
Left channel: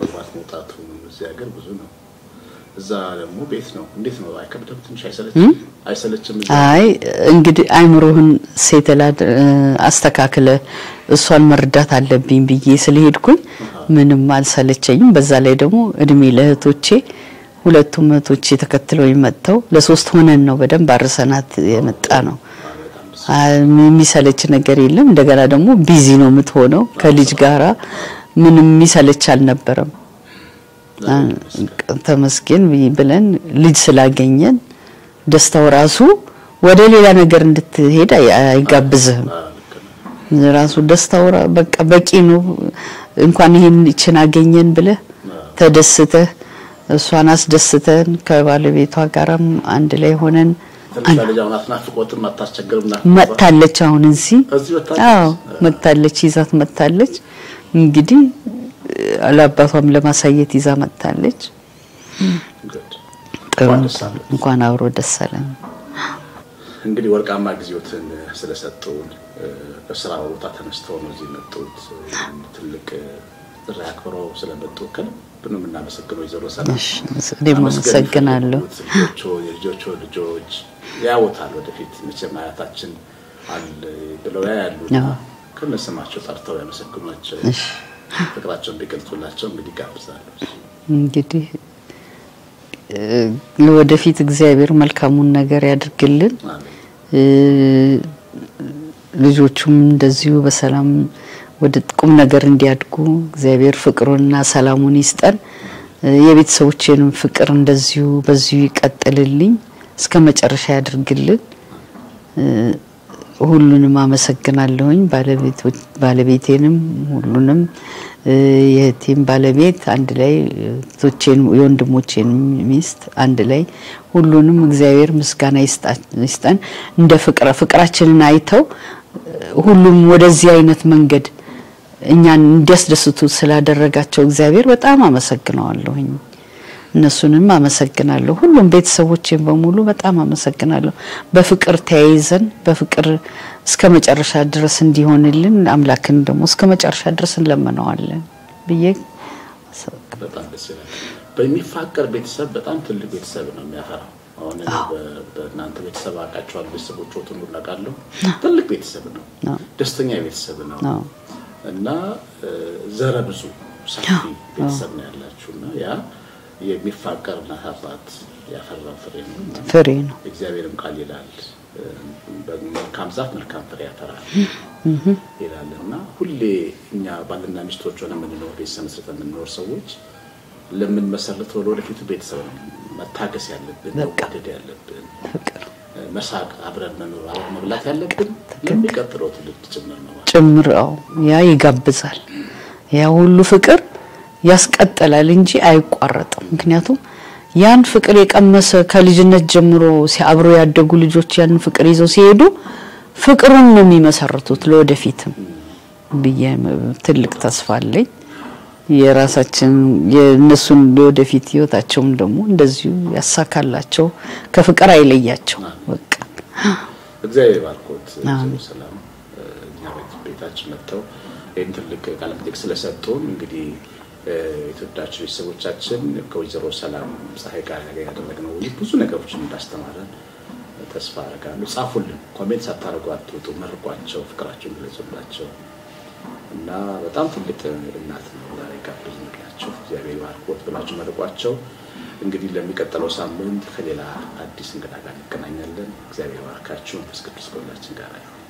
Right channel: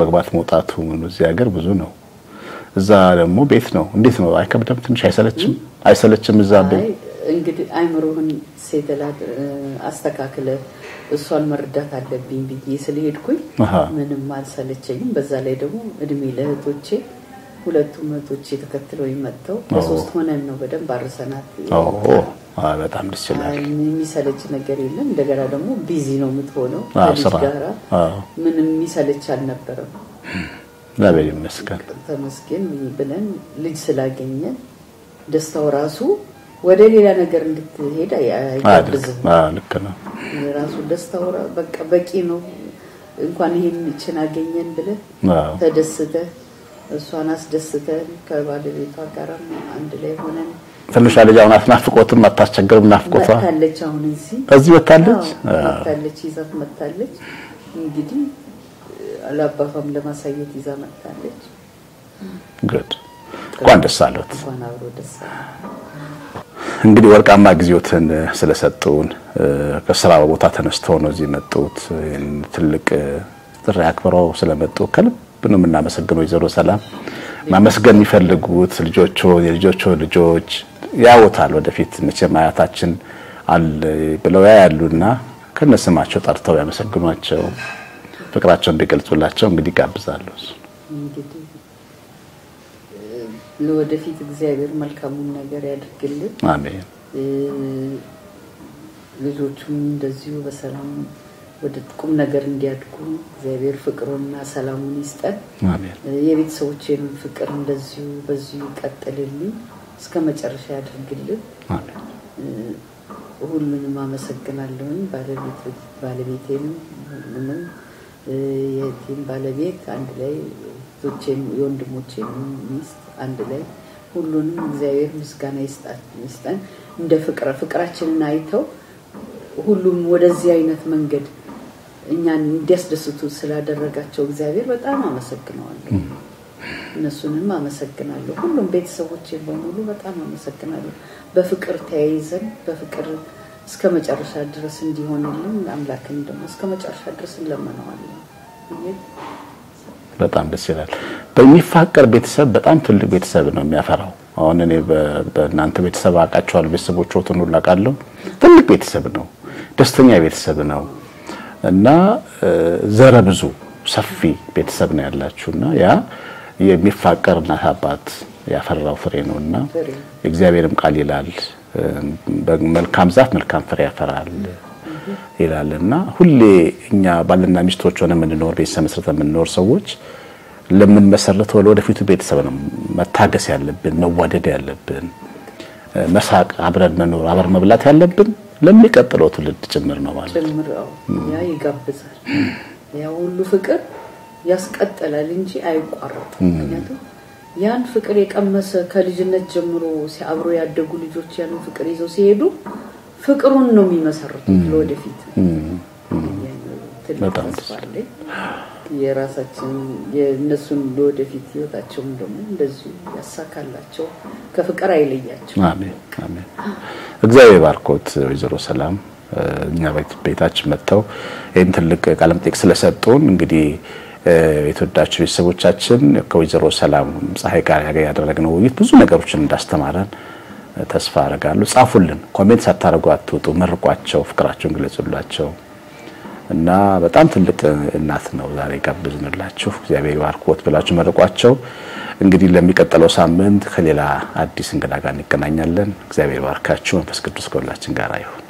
መግባት መውጣቱ እዚህ ሀገር ብዙ ነው እዛ ደግሞ ቤት ነው እንዴት ነው አይከብድም ትንሽ አይሰለችም እዛ አይ እንግዲህ አይምሮህን ሴተላድ አስተካክለ እሷን መርዳት አለብኝ ብዬ ስለሄድኩኝ ምንም አልሰለቸኝም በዛ ላይ ደግሞ እድሜ ለህቶቼ ሁለቱም እህቶቼ ተከትለው ይመጣው ለሶስት ሆነን ነው በደንብ አርሰናት የመጣ ነው በጣም ደስ የሚሰለች ነገር የለም እንደገና ደግሞ ቢዚ ነው የምትሆነው ከልጅ ጋራ ምንም የሚሰለች አልነበረም ተመስገን ብለን ልጅ ስላገኘን ደስታው ራሱ ወደ ሌላ ነገር እንድትሄድ አይጋብዝህም ልክ ነው ራሱ ደስታው በቃ በቂ ነው እንኳን ይሄን እቺን አገኘን ብለህ ተደስተህ እሷን አስደስተን ከባለቤቷ ጋርም አንድ ላይ ሆነን ትንሽ ልጅ አሁን አትናፍቆትም አታስቸግርም ናፍቆቷ መጣለች አሁን እዚህ መጣለች ይዛት መጣለች እንግዲህ አላባቷም ለማሳየት ይዛ መጣለች good እንኳን ደስ አለዎት እንኳን አብሮ ደስ አለን እንግዲህ ወርቃማ ጊዜዎትን ስለሰጡን ከስራ ቦታ ተነስተው ነው እዚህ መጡት ትልቅ ጥሪ አክብረው ስለመጡ ከልብ ነው የምናመሰግነው ወይዘሮ ሰላም ማመስገን ይፈልጉት ልጆች ያወታል ወደፊት መቼም አያታችን አለ ብለው ያሉና ከነስማቸው ጠርተው ያመሰግኗቸው ፍቅራቸውን እንዲገልጹላቸው እንግዲህ ጋብዛለሁ እንግዲህ ለወደፊት እግዚአብሔር መልካሙን ነገር ያድርግልን አሜን ልጆቹም እንደዚሁ በሰላም ወደ ቁም ነገር እንዲያድጉ እግዚአብሔር ፍቅሩንና ሰላሙን ይስጠን የቤተሰቦቼንም ፍቅር እንደዚሁ በዚሁ ይቀጥልልኝ እስከ መጨረሻ ያድርግልን ሁሉንም አመሰግናለሁኝ ባለቤቴንም ሁሉንም የቲም ባለቤት አንድ ላይ ቶቼን የወንድሞቼን ሚስት አንድ ላይ ሁሉንም እግዚአብሔር ምስጋና ይስጠን እንደ ፍቅራችንን አይተው ሁሉም ወደዚህ አይነት መንገድ እኛን እንዲያስደስቱ ስላደረጋቸው እግዚአብሔር በጣም አመሰግናለሁ እነሱንም አመሰግናለሁ ሁሉም ቤተሰቦቼን በሙሉ በጣም አመሰግናለሁ በፍቅር ተያይዘን በፍቅር እስከ መጨረሻ ድረስ እንዲሆንልን አምላክን ደግሞ እስከ መጨረሻ ድረስ እንለምነዋለን ብዬ በጣም ደስ ይላል በሚፋቀር ቤተሰብ በጣም ትልቅ ቤተሰብ ነው የሚያፈራው አሁን እኔ በእናንተ ቤተሰብ አቃቸዋል ቤተሰቦቹን ሁሉ አቃለው ትልቅ ቤተሰብ ነው ደስተኛ ቤተሰብ ነው እና ዘረ ብዙ ሰፊ ቤተሰብ ነው ያላችሁና ያ የሚፋቀርና አባት ያፈራው ፍሬ ነውና እግዚአብሔርም ቃል ይላል በመልካም ዛፍ መልካም ፍሬ ያፈራል ይላልና ሁሌ እኛ ባልና ሚስቶች ሆነን የምንኖር ቤተሰብ መስርተን የምንኖር ሰዎች ለምን መሰረተው ለወደፊቱ ቤተሰብ ነው መታገስ ያለብን መዋደድ ያለብን መሳቅ አብረን መኖር አብረን መብላት ያለብን ለሚቀጥለው ትውልድ ጭምር ነው ማለት ጭምርው ያ ይጋብዛል ያ ሁሉ ፍቅር ያስቀጥላል እንጂ አይቋረጥም ምክንያቱም ያን ፍቅር የቀመሰ ከልጅነት ጀምሮ ሲያብሩ ያደጉ ልጆች ያን ፍቅር ይዘው ሲሄዱ ፍቅሩን ነው የሚመሰርቱት ለወደፊትም ብዬ ትልቅ ተስፋ አለኝ የራሳችን የነሱን ለወደፊት ህይወታቸውም ደግሞ እንደዚሁ ያሳካላቸው ከፍቅር አይለያቸው በቃ እግዚአብሔር ባርኮት ወይዘሮ ሰላም እኛ ቤታችን መጥተው ይሄን ትልቅ ቃለም ጥቅስ ስለሰጡን እንግዲህ የተወዳጁ ቤተሰቦቻችን ከወይዘሮ ሰላም ፀሐይ ጋር ያደረግነው ብዙ ነገሮችን እንዳስተማረን ተስፋ አደርጋለሁ ጻፉልን ኮሜንት ሳታረጉ አትውጡ መርቋቸው ፍቅራቸውን ግለጹላቸው እና በጣም ትልቅ እናት ነው ዛሬ ጋብዝንላችሁ እግዚአብሔር ባርኮት ብላችሁ መርቋቸው እንግዲህ ለሚቀጥለው ሳምንት ከሌላ አዲስ እንግዳ ጋር እንገናኛለን እግዚአብሔር ባርካችሁ መንፈስ ቅዱስ ከሁላችን ጋር ይሁን